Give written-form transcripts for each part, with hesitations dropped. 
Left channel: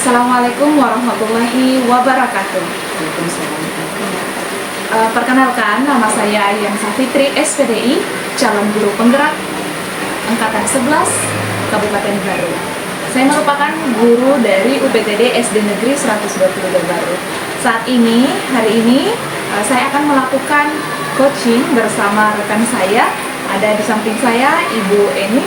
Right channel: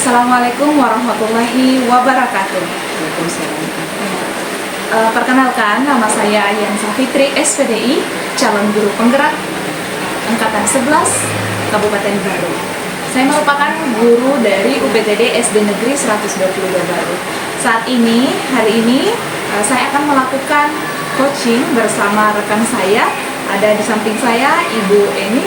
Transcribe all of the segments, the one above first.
Assalamualaikum warahmatullahi wabarakatuh. Perkenalkan, nama saya Ayyan Safitri, SPDI, calon guru penggerak Angkatan 11, Kabupaten Baru. Saya merupakan guru dari UPTD SD Negeri 122 Baru. Hari ini, saya akan melakukan coaching bersama rekan saya. Ada di samping saya, Ibu Eni.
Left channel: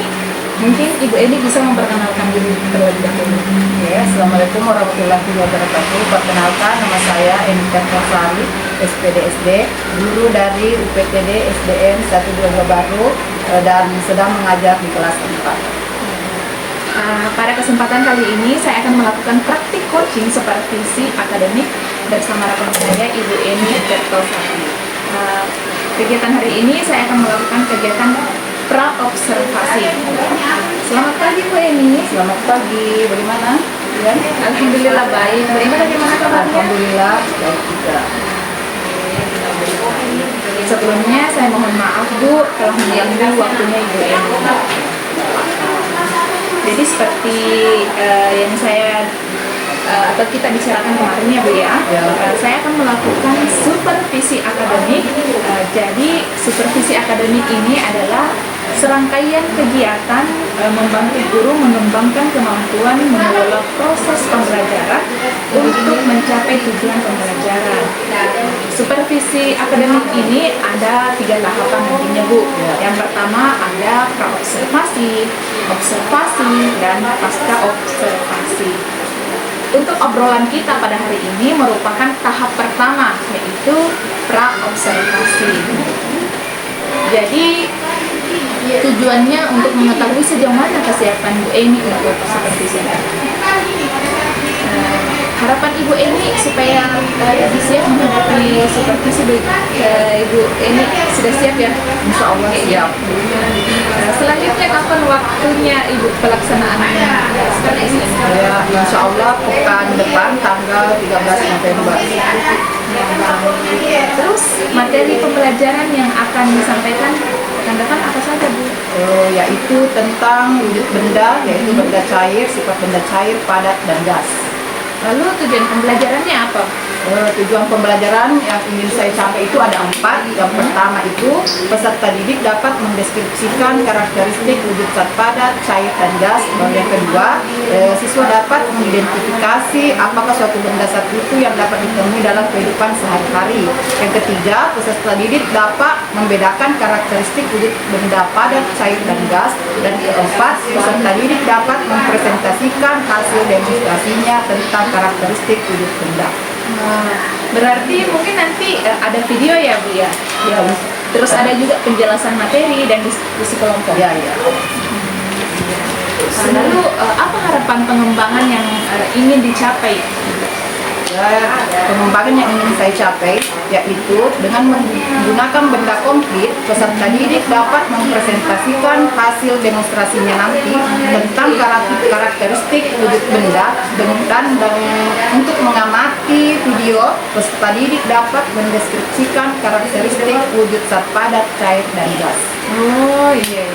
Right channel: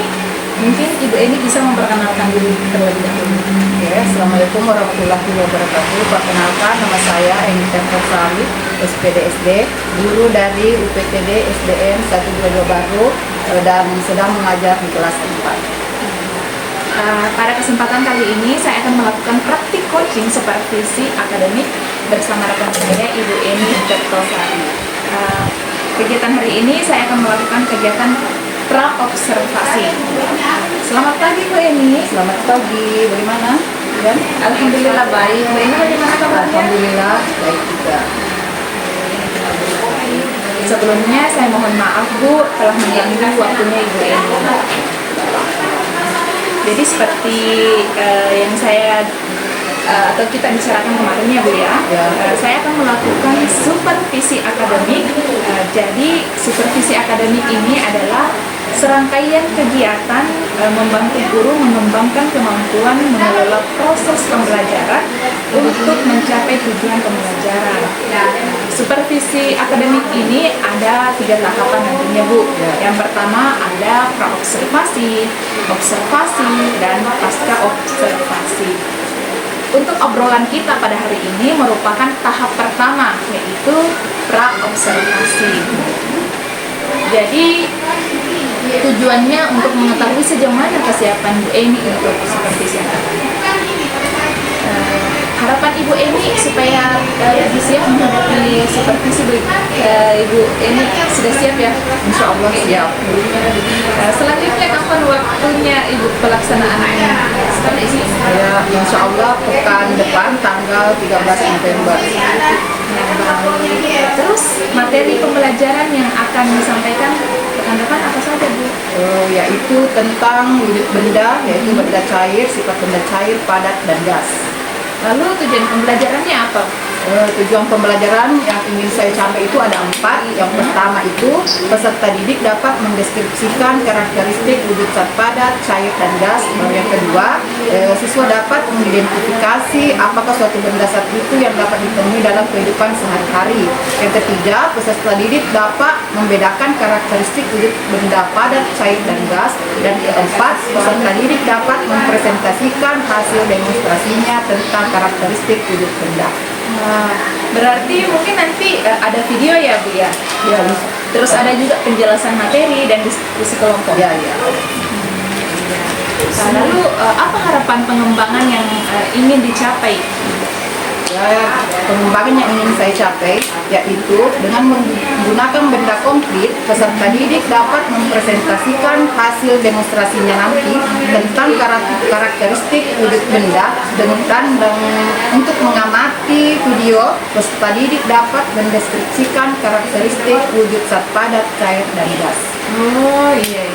Mungkin Ibu Eni bisa memperkenalkan diri terlebih dahulu. Ya, Assalamualaikum warahmatullahi wabarakatuh. Perkenalkan, nama saya Eni Sari, SPDSD, guru dari UPTD SDN 122 Baru dan sedang mengajar di kelas 4. Pada kesempatan kali ini saya akan melakukan praktik coaching supervisi akademik bersama rekan saya Ibu Eni Sari. Kegiatan hari ini saya akan melakukan kegiatan pra-observasi. Selamat pagi Bu Eni. Selamat pagi, bagaimana? Ya? Alhamdulillah baik. Bu Eni bagaimana kabarnya? Alhamdulillah baik juga. Sebelumnya saya mohon maaf Bu telah mengganggu waktunya Ibu Eni. Jadi seperti yang saya atau kita bicarakan kemarin ya Bu ya, saya akan melakukan supervisi akademik. Jadi supervisi akademik ini adalah serangkaian kegiatan membantu guru mengembangkan kemampuan mengelola proses pembelajaran untuk mencapai tujuan pembelajaran. Supervisi akademik ini ada 3 tahapan nantinya Bu. Yang pertama ada pra-observasi, observasi, dan pasca observasi. Untuk obrolan kita pada hari ini merupakan tahap pertama, yaitu pra-observasi. Jadi tujuannya untuk mengetahui sejauh mana kesiapan Bu Eni untuk supervisi. Harapan Ibu Eni supaya lebih siap menghadapi supervisi Ibu Eni sudah siap ya? Insya Allah siap. Selanjutnya kapan waktunya Ibu pelaksanaannya seperti ini? Ya, Insya Allah pekan depan tanggal 13 November. Terus materi pembelajaran yang akan disampaikan pekan depan apa saja Bu? Yaitu tentang wujud benda, yaitu benda cair, sifat benda cair, padat, dan gas. Lalu tujuan pembelajarannya apa? Tujuan pembelajaran yang ingin saya capai itu ada 4. Yang pertama itu peserta didik dapat mendeskripsikan karakteristik wujud zat padat, cair, dan gas. Lalu yang kedua, siswa dapat mengidentifikasi apakah suatu benda zat itu yang dapat ditemui dalam kehidupan sehari-hari. Yang ketiga, peserta didik dapat membedakan karakteristik wujud benda padat, cair, dan gas. Dan keempat, peserta didik dapat mempresentasikan hasil demonstrasinya tentang karakteristik wujud benda. Berarti mungkin nanti ada video ya Bu ya? Ya, Terus ada juga penjelasan materi dan diskusi kelompok. ya. Lalu apa harapan pengembangan yang ingin dicapai? Ya, pengembangan yang ingin saya capai yaitu dengan menggunakan benda komplit, peserta didik dapat mempresentasikan hasil demonstrasinya nanti tentang karakteristik wujud benda dan untuk mengamati video, peserta didik dapat mendeskripsikan karakteristik wujud zat padat, cair, dan gas. Oh iya.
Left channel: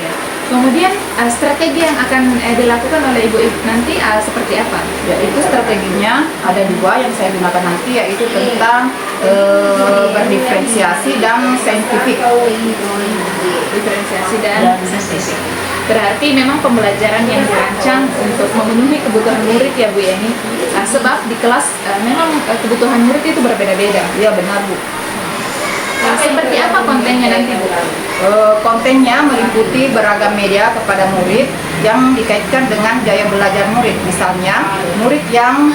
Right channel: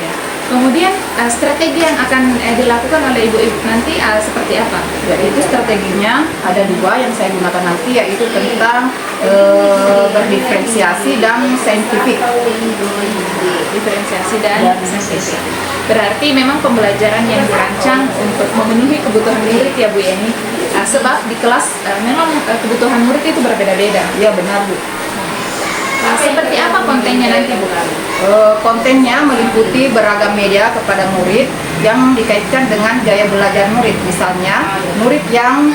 Kemudian strategi yang akan dilakukan oleh Ibu nanti seperti apa? Yaitu strateginya ada 2 yang saya gunakan nanti, yaitu tentang berdiferensiasi dan saintifik. Diferensiasi dan saintifik. Berarti memang pembelajaran yang dirancang untuk memenuhi kebutuhan murid ya Bu Eni. Sebab di kelas memang kebutuhan murid itu berbeda-beda. Ya benar Bu. Seperti apa kontennya nanti Bu? Kontennya meliputi beragam media kepada murid yang dikaitkan dengan gaya belajar murid. Misalnya, murid yang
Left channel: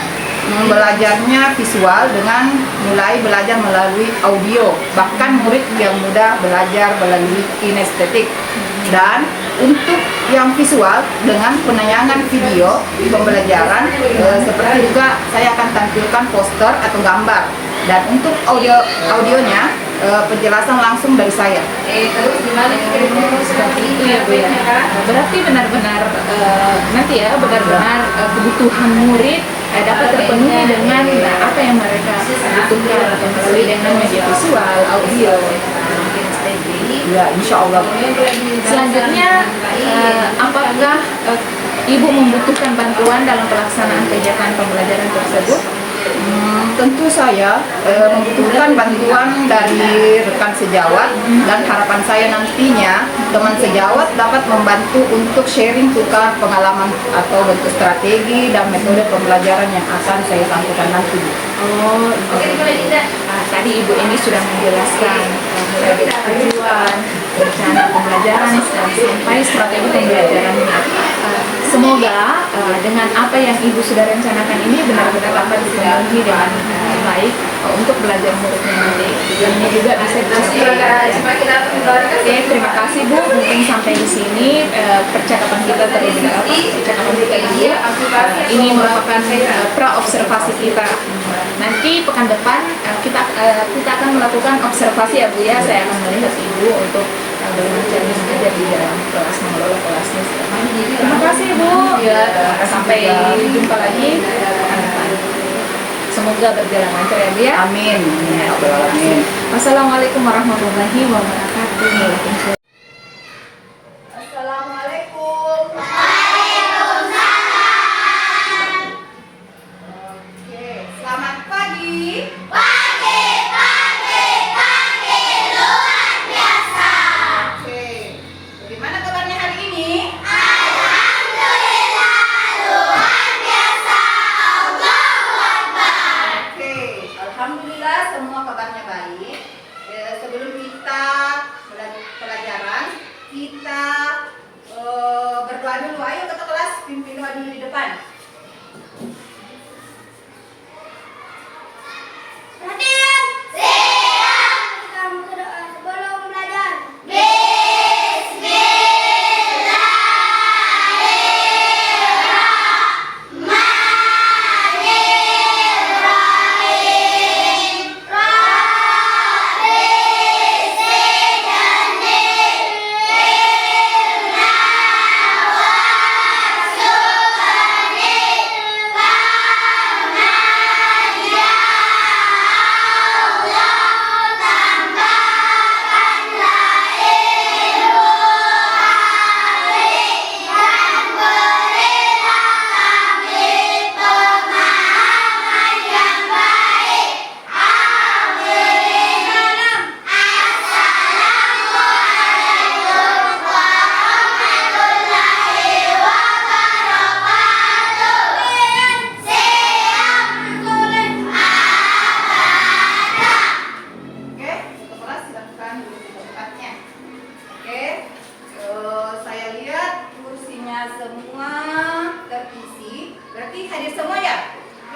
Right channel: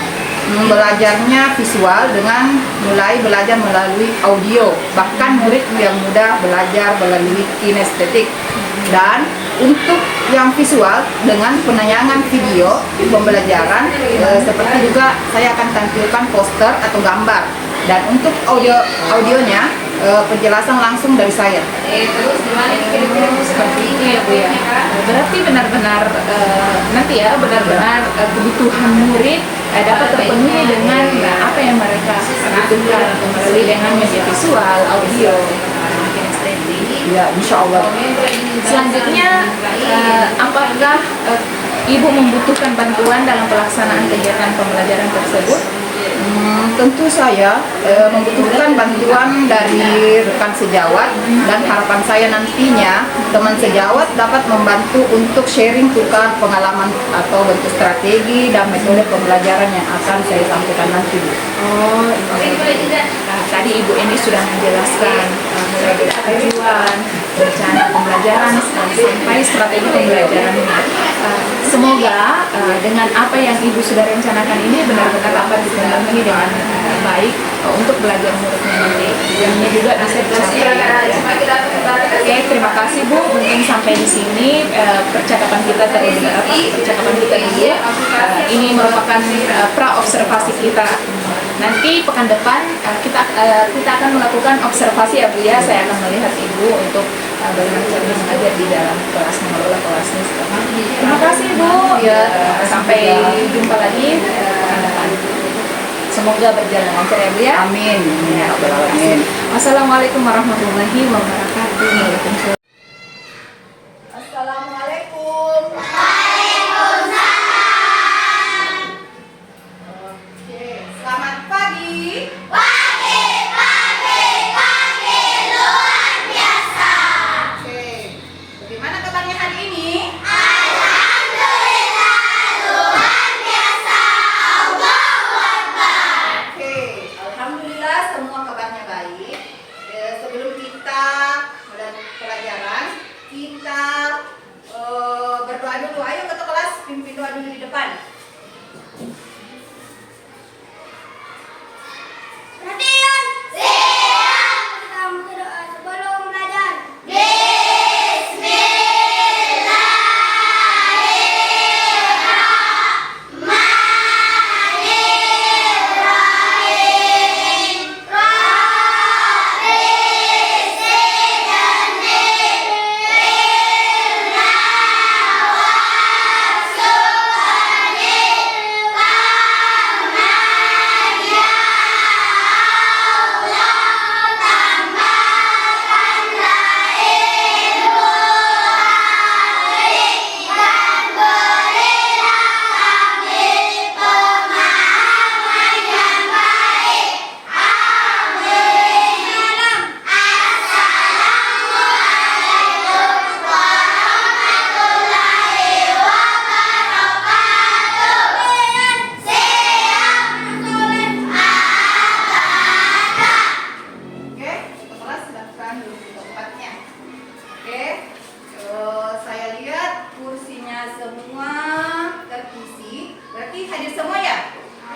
belajarnya visual dengan mulai belajar melalui audio, bahkan murid yang mudah belajar melalui kinestetik. Dan untuk yang visual dengan penayangan video pembelajaran, seperti juga saya akan tampilkan poster atau gambar. Dan untuk audionya penjelasan langsung dari saya. Seperti itu ya Bu ya. Berarti benar-benar nanti ya benar-benar kebutuhan murid dapat terpenuhi dengan apa yang mereka butuhkan melalui dengan media visual, audio, Ya, insya Allah. Selanjutnya apakah Ibu membutuhkan bantuan dalam pelaksanaan kegiatan pembelajaran tersebut? Tentu saya membutuhkan bantuan dari rekan sejawat, dan harapan saya nantinya teman sejawat dapat membantu untuk sharing tukar pengalaman atau bentuk strategi dan metode pembelajaran yang akan saya sampaikan nanti. Oh, tadi Ibu ini sudah menjelaskan mulai dari tujuan, rencana pembelajaran sampai strategi pembelajaran. Semoga dengan apa yang Ibu sudah rencanakan ini benar-benar dapat dipenuhi dengan baik untuk belajar muridnya nanti. Tujuannya juga bisa dicapai. Oke, terima kasih Bu. Mungkin sampai di sini percakapan kita percakapan kita ini. Ini merupakan pra-observasi kita. Nanti pekan depan kita akan melakukan observasi ya Bu ya. Saya akan melihat Ibu untuk bagaimana cara mengajar di dalam kelas, mengelola kelasnya. Terima kasih Bu. Ya, sampai jumpa lagi pekan depan. Semoga berjalan lancar ya Bu ya. Amin. Amin. Wassalamualaikum warahmatullahi wabarakatuh. Assalamualaikum. Oke, selamat pagi. Oke, bagaimana kabarnya hari ini? Oke, alhamdulillah semua kabarnya baik. Sebelum kita mulai pelajaran, kita berdoa dulu. Ayo ke kelas, pimpin doa dulu di depan. Perhatian. Kita berdoa sebelum belajar. Oke, ke kelas silakan duduk di tempatnya. Oke, saya lihat kursinya semua terisi. Berarti hadir semua ya?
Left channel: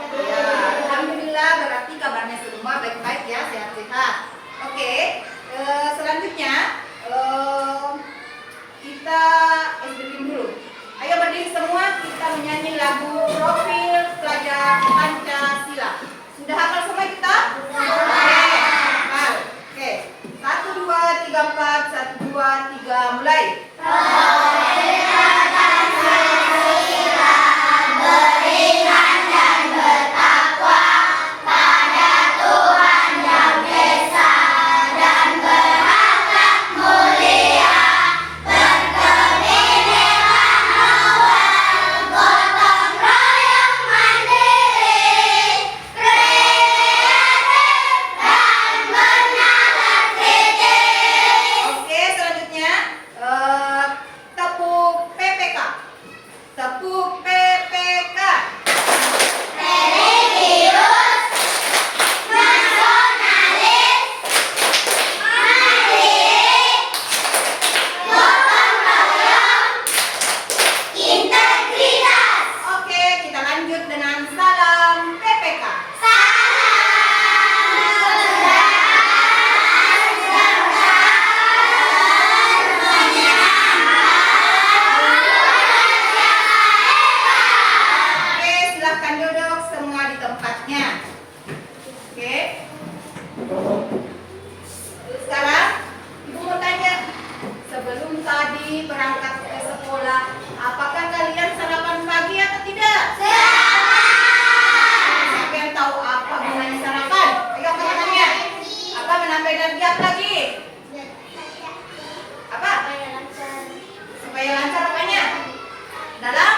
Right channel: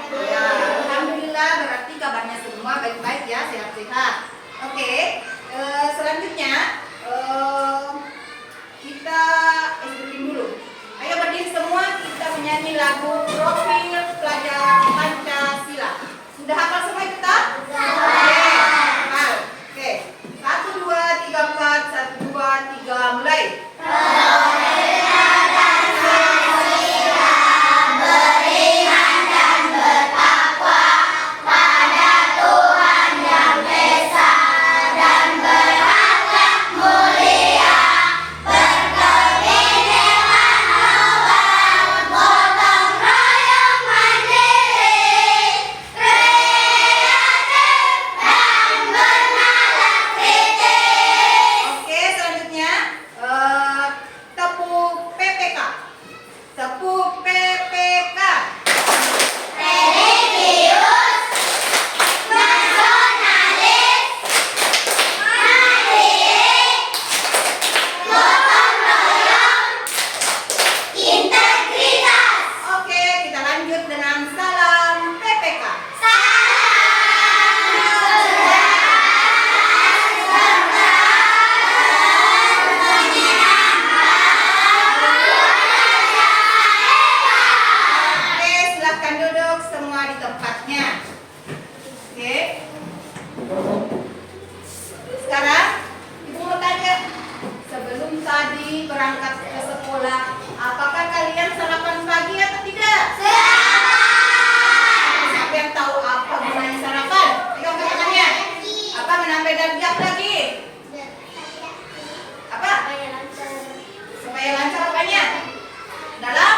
Ya, alhamdulillah berarti kabarnya semua baik-baik ya, sehat-sehat. Oke, selanjutnya kita SBM dulu. Ayo berdiri semua, kita menyanyi lagu Profil Pelajar Pancasila. Sudah hafal semua kita? Oke, hafal. Oke, 1, 2, 3, 4, 1, 2, 3, mulai. Oke, selanjutnya tepuk PPK. Tepuk PPK. Oke, kita lanjut dengan salam PPK. Oke, silahkan duduk semua di tempatnya. Oke. Sekarang Ibu mau tanya, sebelum tadi berangkat ke sekolah, apakah kalian sarapan pagi atau tidak? Siapa yang tahu apa gunanya sarapan? Pegang tangannya. Apa menambah darjat lagi? Apa? Supaya lancar apanya? Dalam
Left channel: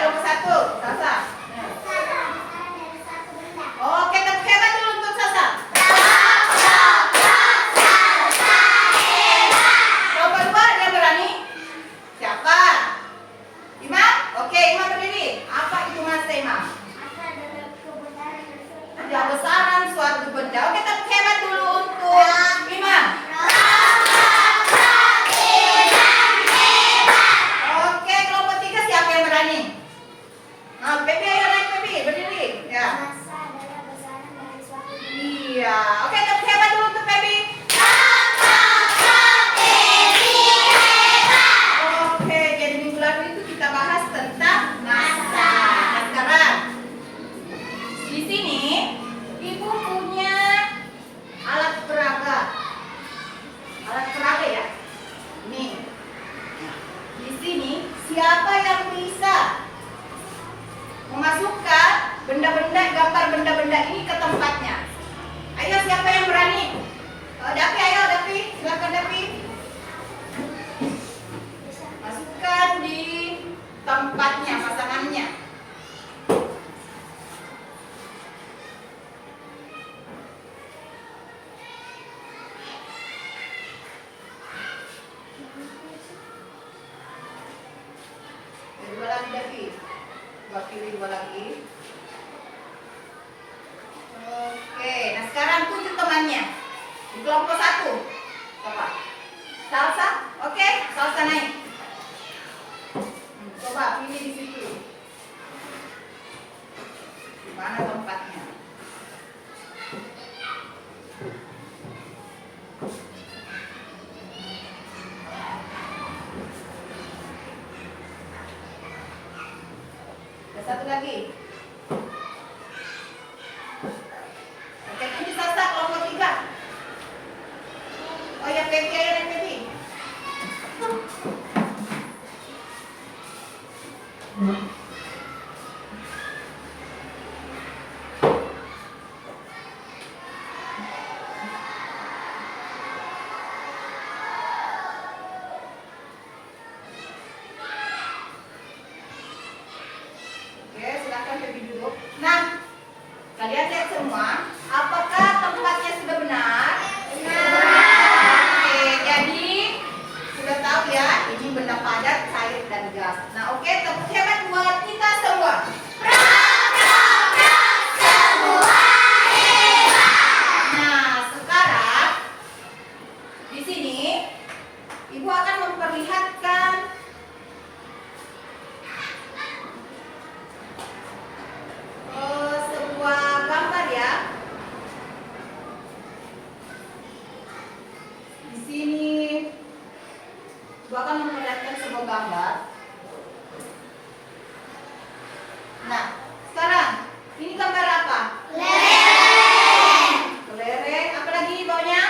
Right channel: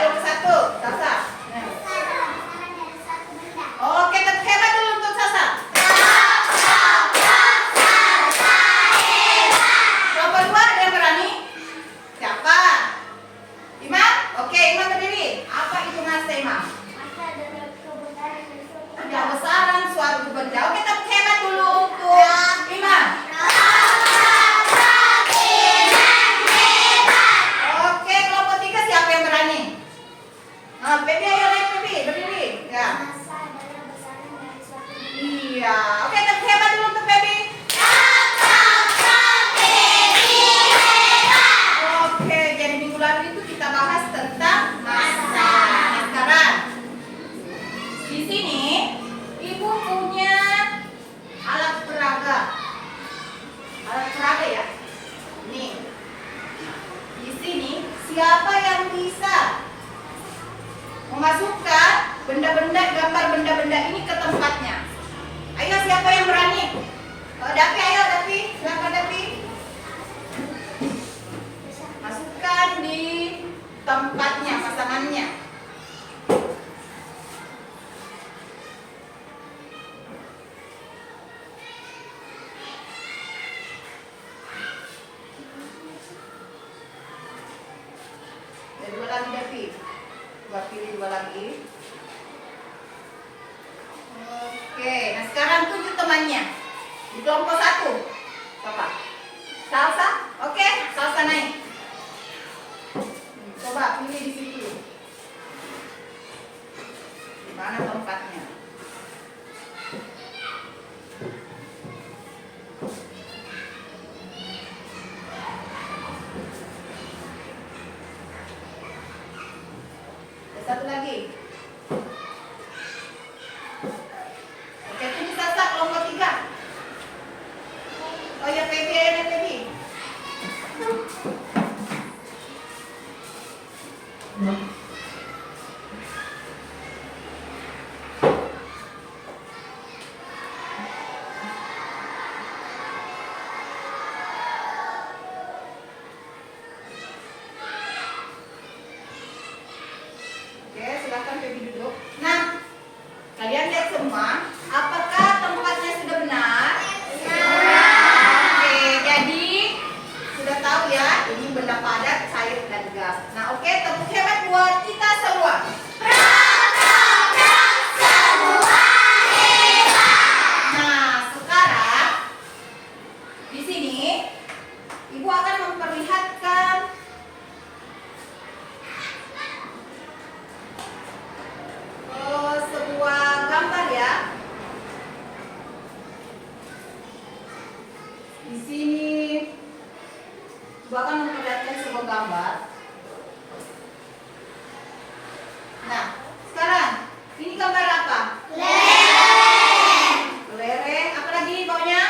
kelompok 1, Salsa. Sekarang dari satu benda. Oke, tepuk hebat dulu untuk Salsa. Kelompok 2 ada yang berani? Siapa? Imam? Oke, Imam berdiri. Apa itu mas Imam? Masa adalah kebesaran dari suatu Kebesaran suatu benda. Oke, tepuk hebat dulu untuk Imam. Oke, kelompok 3 siapa yang berani? Nah, Pepi ayo naik Pepi, berdiri. Ya. Masa adalah besaran dari suatu benda. Iya. Oke, tepuk hebat dulu untuk Pepi. Oke, jadi minggu lalu itu kita bahas tentang masa. Nah, sekarang di sini Ibu punya alat peraga. Alat peraga ya. Nih. Di sini siapa yang bisa memasukkan benda-benda, gambar benda-benda ini ke tempatnya? Ayo, siapa yang berani? Dapi, ayo Dapi, silakan Dapi. Masukkan di tempatnya, pasangannya. Dua lagi Dapi. Dua pilih dua lagi. Oke, nah sekarang tuju temannya. Di kelompok 1. Coba. Salsa? Oke, Salsa naik. Coba pilih di situ. Di mana tempatnya? Ada satu lagi. Oke, ini Salsa kelompok 3. Oh ya, Pepi, ayo naik Pepi. Oke, silakan Pepi duduk. Nah, kalian lihat semua, apakah tempatnya sudah benar? Oke, jadi sudah tahu ya, ini benda padat, cair dan gas. Nah, oke, tepuk hebat buat kita semua. Nah, sekarang di sini Ibu akan memperlihatkan sebuah gambar ya. Di sini Ibu akan memperlihatkan sebuah gambar. Nah, sekarang ini gambar apa? Kelereng. Apa lagi bawahnya?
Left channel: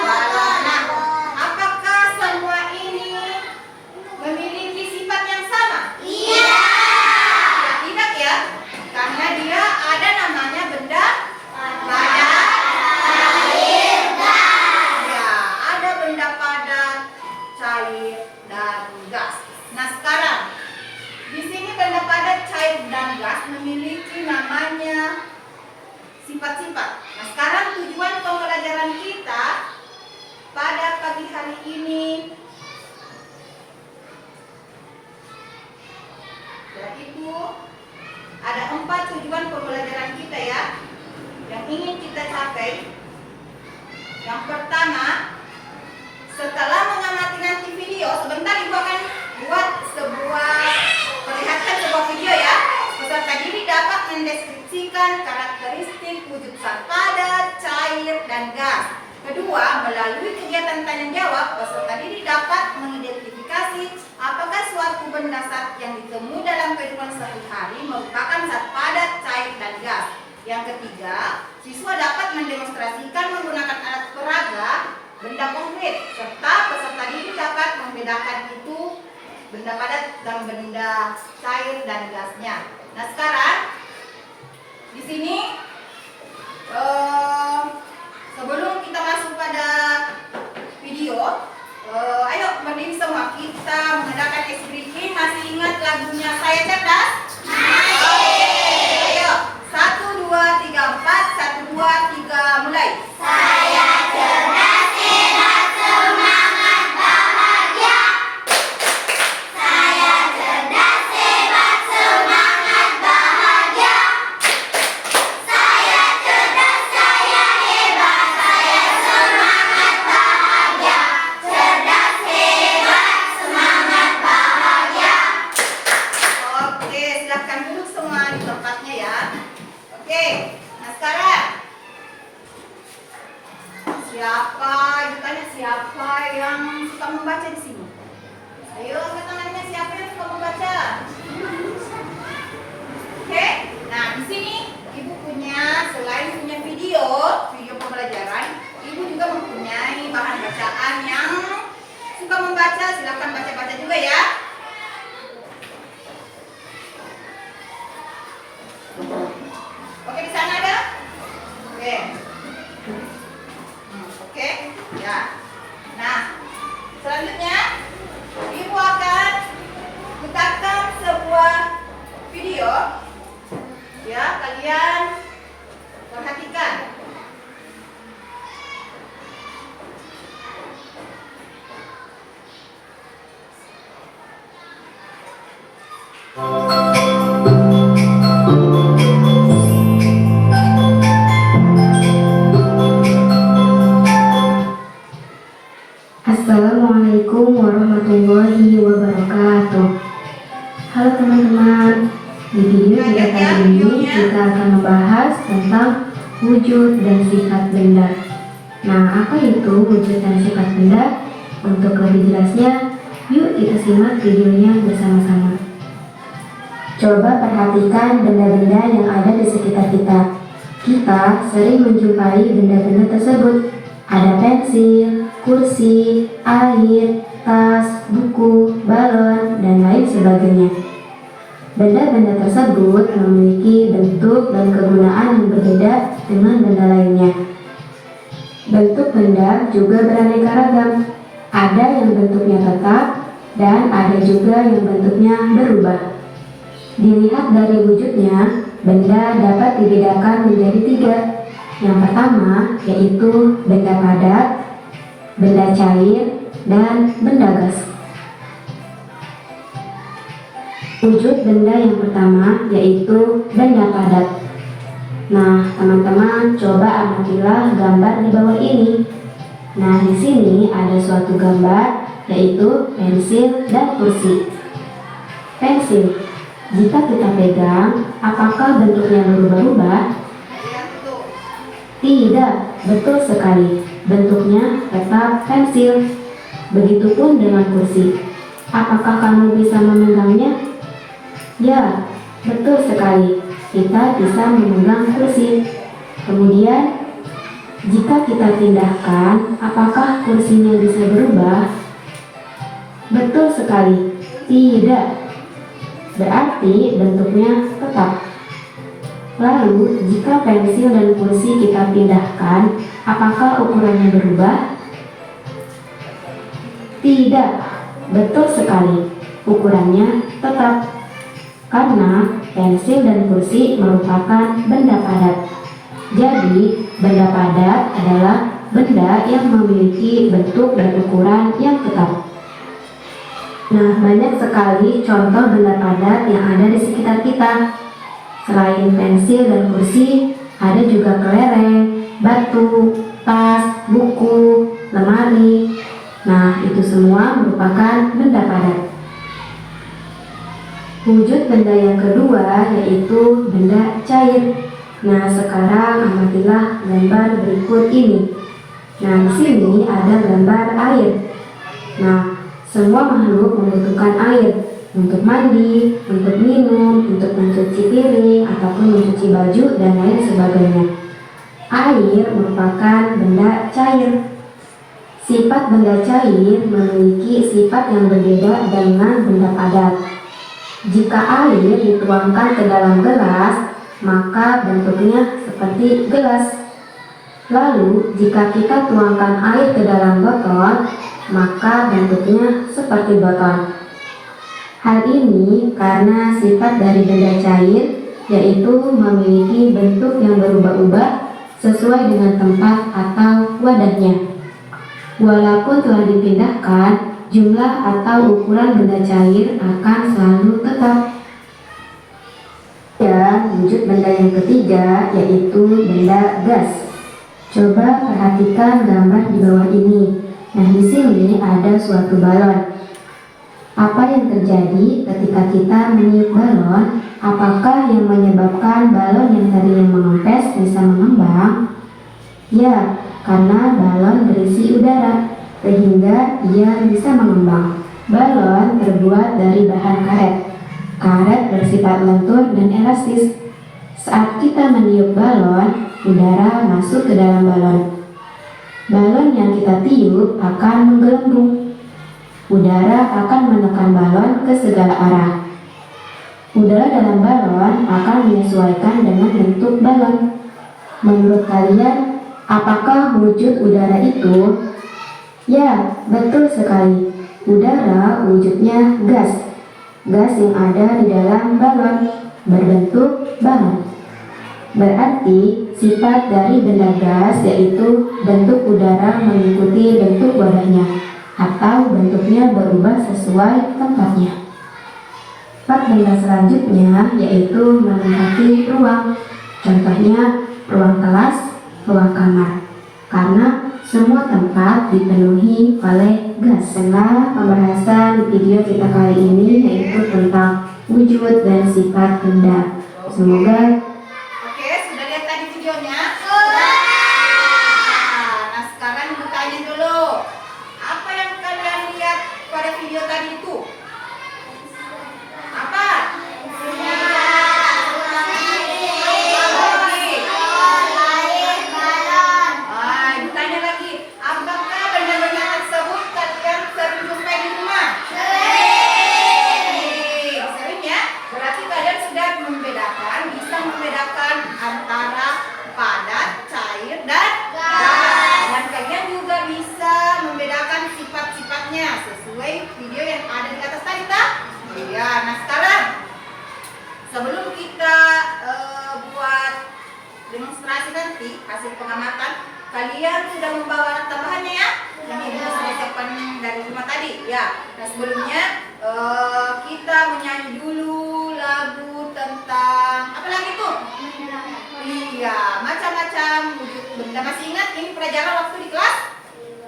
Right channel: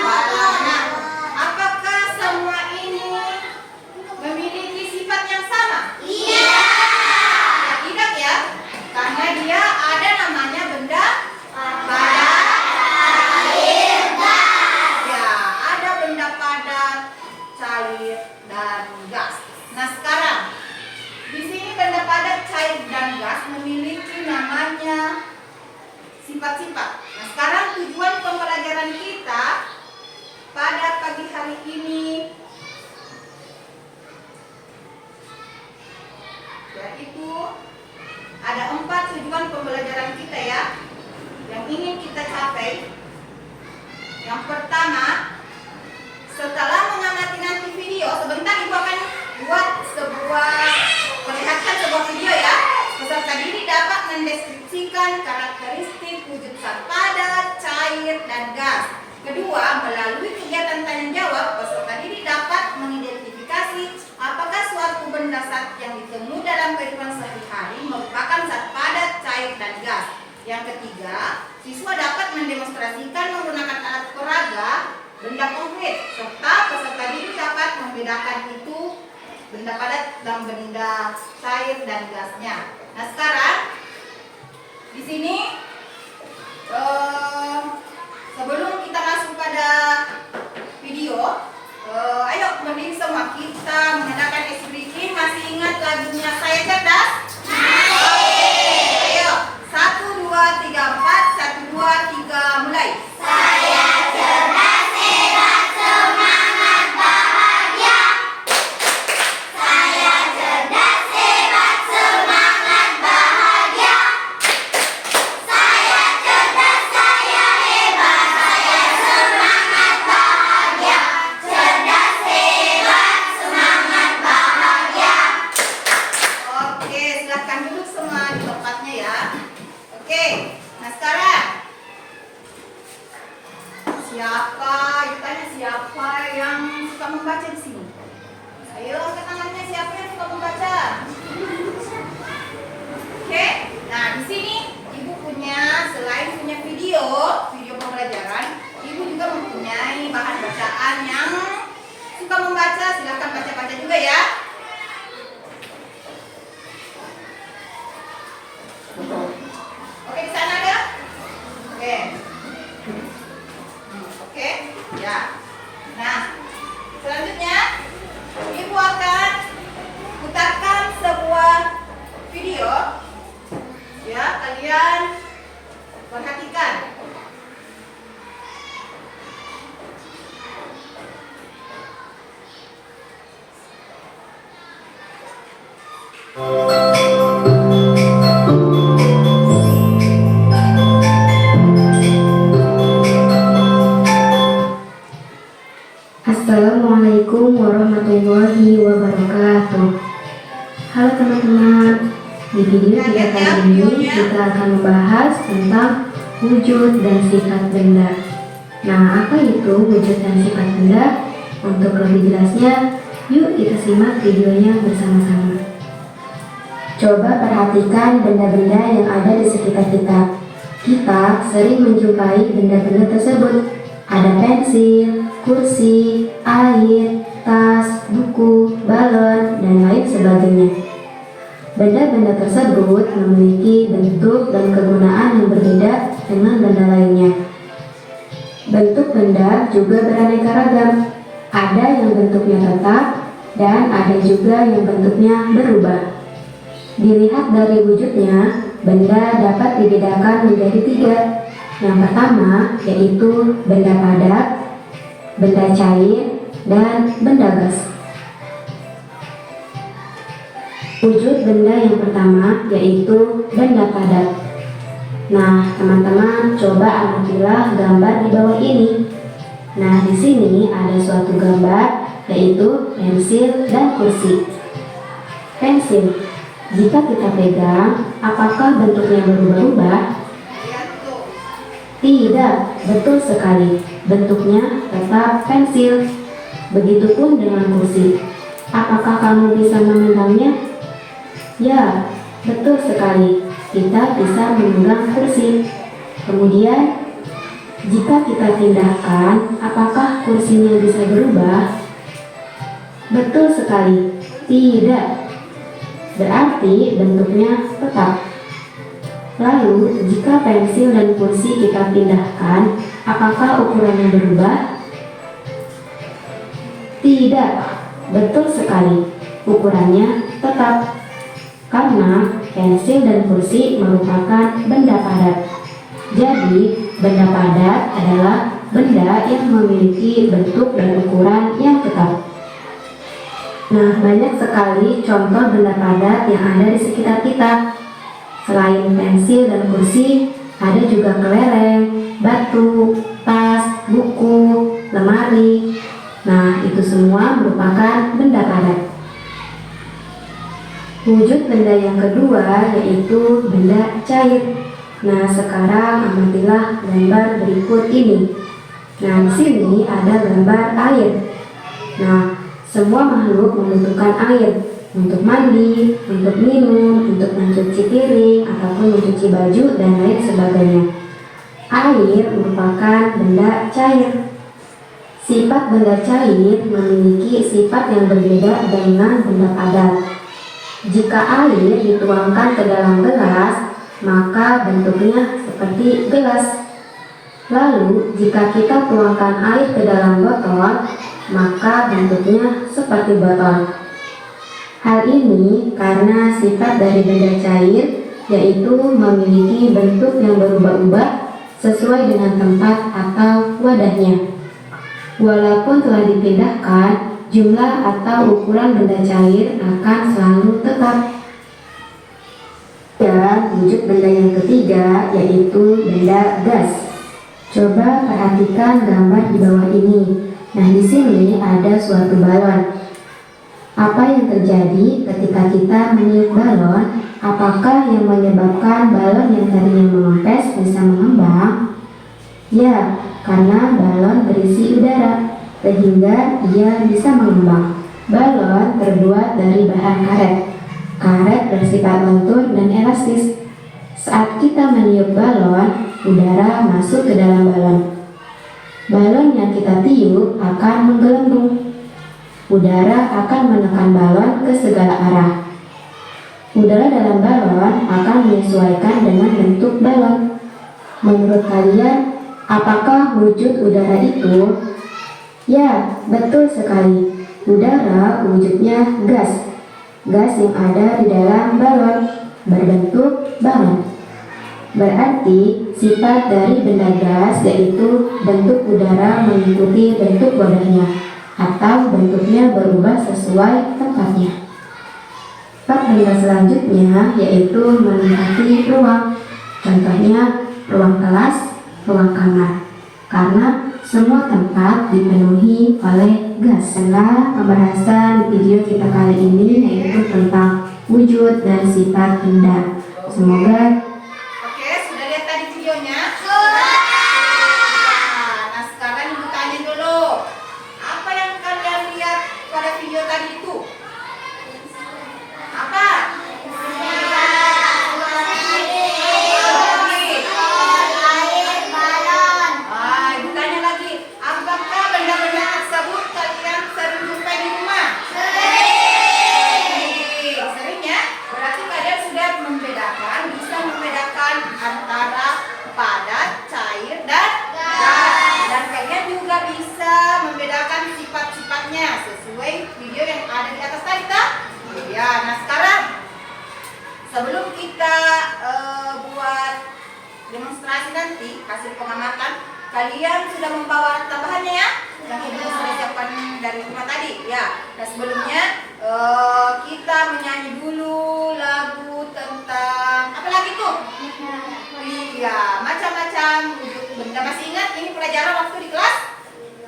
Balon. Nah, apakah semua ini memiliki sifat yang sama? Ya, tidak ya, karena dia ada namanya benda padat. Ya, ada benda padat, cair, dan gas. Nah, sekarang di sini benda padat, cair, dan gas memiliki namanya sifat-sifat. Nah, sekarang tujuan pembelajaran kita pada pagi hari ini yaitu ada 4 tujuan pembelajaran kita ya yang ingin kita capai. Yang pertama, setelah mengamati nanti video, sebentar Ibu akan buat perlihatkan sebuah video ya. Peserta didik dapat mendeskripsikan karakteristik wujud zat padat, cair, dan gas. Kedua, melalui kegiatan tanya jawab, peserta didik dapat mengidentifikasi apakah suatu benda zat yang ditemui dalam kehidupan sehari-hari merupakan zat padat, cair, dan gas. Yang ketiga, siswa dapat mendemonstrasikan menggunakan alat peraga benda konkret, serta peserta didik dapat membedakan itu benda padat dan benda cair dan gasnya. Nah, sekarang di sini sebelum kita masuk pada video, Ayo berdiri semua, kita mengadakan icing breaking. Masih ingat lagunya Saya Cerdas? Ayo, 1, 2, 3, 4, 1, 2, 3, mulai. Saya cerdas, hebat, semangat, bahagia. Saya cerdas, hebat, semangat, bahagia. Saya cerdas, saya hebat, saya semangat, bahagia. Cerdas, hebat, semangat, bahagia. Oke, silahkan duduk semua di tempatnya ya. Oke, nah sekarang ibu tanya siapa yang suka membaca di sini? Ayo angkat tangannya, siapa yang suka membaca? Oke, nah di sini ibu punya, selain punya video pembelajaran, ibu juga mempunyai bahan bacaan yang suka membaca. Silahkan baca-baca juga ya. Oke, di sana ada? Oke. Oke, ya. Nah, selanjutnya ibu akan putarkan sebuah video. Ya, kalian perhatikan. Assalamualaikum warahmatullahi wabarakatuh. Halo teman-teman, di video kita kali ini kita akan membahas tentang wujud dan sifat benda. Nah, apa itu wujud dan sifat benda? Untuk lebih jelasnya, yuk kita simak videonya bersama-sama. Coba perhatikan benda-benda yang ada di sekitar kita. Kita sering menjumpai benda-benda tersebut. Ada pensil, kursi, air, tas, buku, balon, dan lain sebagainya. Benda-benda tersebut memiliki bentuk dan kegunaan yang berbeda dengan benda lainnya. Bentuk benda juga beraneka ragam. Ada yang bentuknya tetap dan ada juga yang bentuknya berubah. Dilihat dari wujudnya, benda dapat dibedakan menjadi 3. Yang pertama yaitu benda padat, benda cair, dan benda gas. Wujud benda yang pertama yaitu benda padat. Nah, teman-teman coba amatilah gambar di bawah ini. Nah, di sini ada suatu gambar yaitu pensil dan kursi. Pensil, jika kita pegang, apakah bentuknya berubah-ubah? Tidak, betul sekali. Bentuknya tetap pensil. Begitupun dengan kursi. Apakah kamu bisa memegangnya? Ya, betul sekali. Kita bisa memegang kursi. Kemudian, jika kita pindahkan, apakah kursinya bisa berubah? Betul sekali. Tidak. Berarti bentuknya tetap. Lalu, jika pensil dan kursi kita pindahkan, apakah ukurannya berubah? Tidak, betul sekali. Ukurannya tetap. Karena pensil dan kursi merupakan benda padat. Jadi, benda padat adalah benda yang memiliki bentuk dan ukuran yang tetap. Nah, banyak sekali contoh benda padat yang ada di sekitar kita. Selain pensil dan kursi, ada juga kelereng, batu, tas, buku, lemari. Nah, itu semua merupakan benda padat. Wujud benda yang kedua yaitu benda cair. Nah, sekarang amatilah gambar berikut ini. Nah, di sini ada gambar air. Nah, semua makhluk membutuhkan air. Untuk mandi, untuk minum, untuk mencuci piring, ataupun mencuci baju, dan lain sebagainya. Air merupakan benda cair. Sifat benda cair memiliki sifat yang berbeda dengan benda padat. Jika air dituangkan ke dalam gelas, maka bentuknya seperti gelas. Lalu, jika kita tuangkan air ke dalam botol, maka bentuknya seperti botol. Hal ini karena sifat dari benda cair, yaitu memiliki bentuk yang berubah-ubah sesuai dengan tempat atau wadahnya. Walaupun telah dipindahkan, jumlah atau ukuran benda cair akan selalu tetap. Dan wujud benda yang ketiga yaitu benda gas. Coba perhatikan gambar di bawah ini. Nah, di sini ada suatu balon. Apa yang terjadi ketika kita meniup balon? Apakah yang menyebabkan balon yang tadinya mengempes bisa mengembang? Ya, karena balon berisi udara, sehingga ia bisa mengembang. Balon terbuat dari bahan karet. Karet bersifat lentur dan elastis. Saat kita meniup balon, udara masuk ke dalam balon. Balon yang kita tiup akan menggelembung. Udara akan menekan balon ke segala arah. Udara dalam balon akan menyesuaikan dengan bentuk balon. Menurut kalian, apakah wujud udara itu? Ya, betul sekali. Udara wujudnya gas. Gas yang ada di dalam balon berbentuk balon. Berarti sifat dari benda gas yaitu bentuk udara mengikuti bentuk wadahnya atau bentuknya berubah sesuai tempatnya. Sifat benda selanjutnya yaitu melengkapi ruang. Contohnya ruang kelas, ruang kamar. Karena semua tempat dipenuhi oleh gas. Setelah pembahasan video kita kali ini yaitu tentang wujud dan sifat benda. Semoga Oke, sudah lihat tadi videonya? Nah, sekarang ibu tanya dulu. Apa yang kalian lihat pada video tadi itu? Apa? Ibu tanya lagi. Apakah benda-benda tersebut kalian sering jumpai di rumah? Sering ya? Berarti kalian sudah bisa membedakan antara padat, cair, dan gas. Dan kalian juga bisa membedakan sifat-sifatnya sesuai video yang ada di atas tadi, tak? Ya, nah sekarang sebelum kita buat demonstrasi nanti hasil pengamatan, kalian sudah membawa tambahannya ya, yang ibu sudah siapkan dari rumah tadi ya. Nah sebelumnya kita menyanyi dulu lagu tentang apa lagi tuh? Iya, macam-macam wujud benda. Masih ingat ini pelajaran waktu di kelas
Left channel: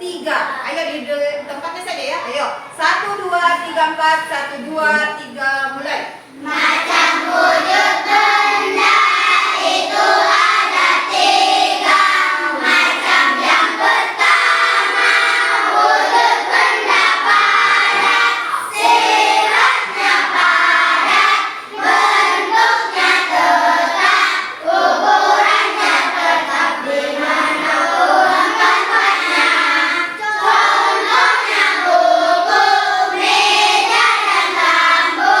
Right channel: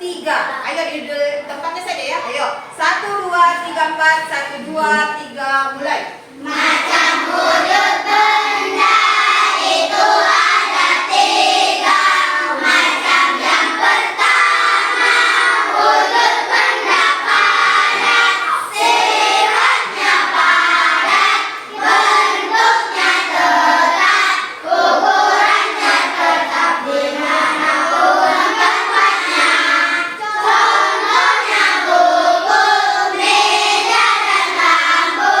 3. Ayo di tempatnya saja ya. Ayo 1, 2, 3, 4. 1, 2, 3 mulai. Macam wujud benda itu ada 3 macam. Yang pertama wujud benda padat, sifatnya padat, bentuknya tetap, ukurannya tetap di manapun tempatnya. Contohnya buku, meja dan lampu.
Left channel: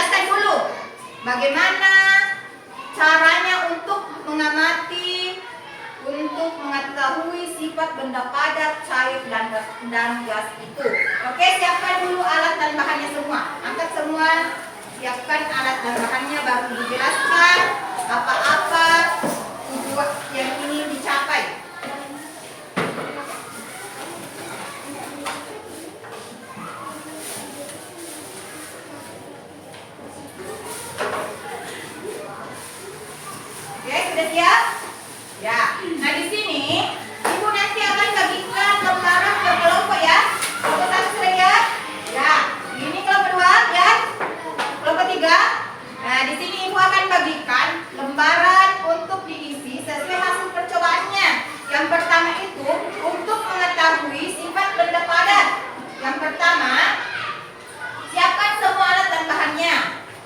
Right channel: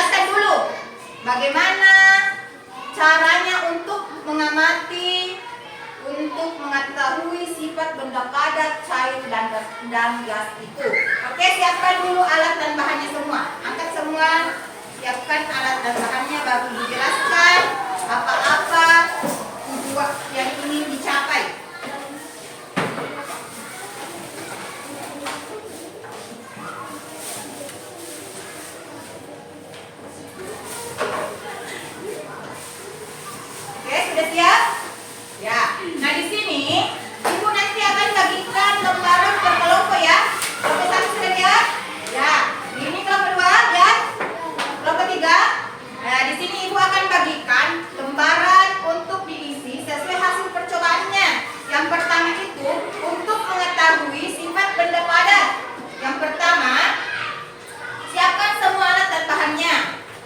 jelaskan dulu bagaimana caranya untuk mengamati, untuk mengetahui sifat benda padat, cair, dan gas itu. Oke, siapkan dulu alat dan bahannya semua. Angkat semua, siapkan alat dan bahannya, baru dijelaskan apa-apa tujuan yang ingin dicapai. Oke, sudah siap? Ya. Nah, di sini Ibu nanti akan bagikan lembaran ke kelompok ya. Kelompok 1 sudah lihat? Ya. Ini kelompok 2, lihat? Kelompok 3. Nah, di sini Ibu akan bagikan lembaran untuk diisi sesuai hasil percobaannya. Yang pertama itu untuk mengetahui sifat benda padat. Yang pertama, siapkan semua alat dan bahannya.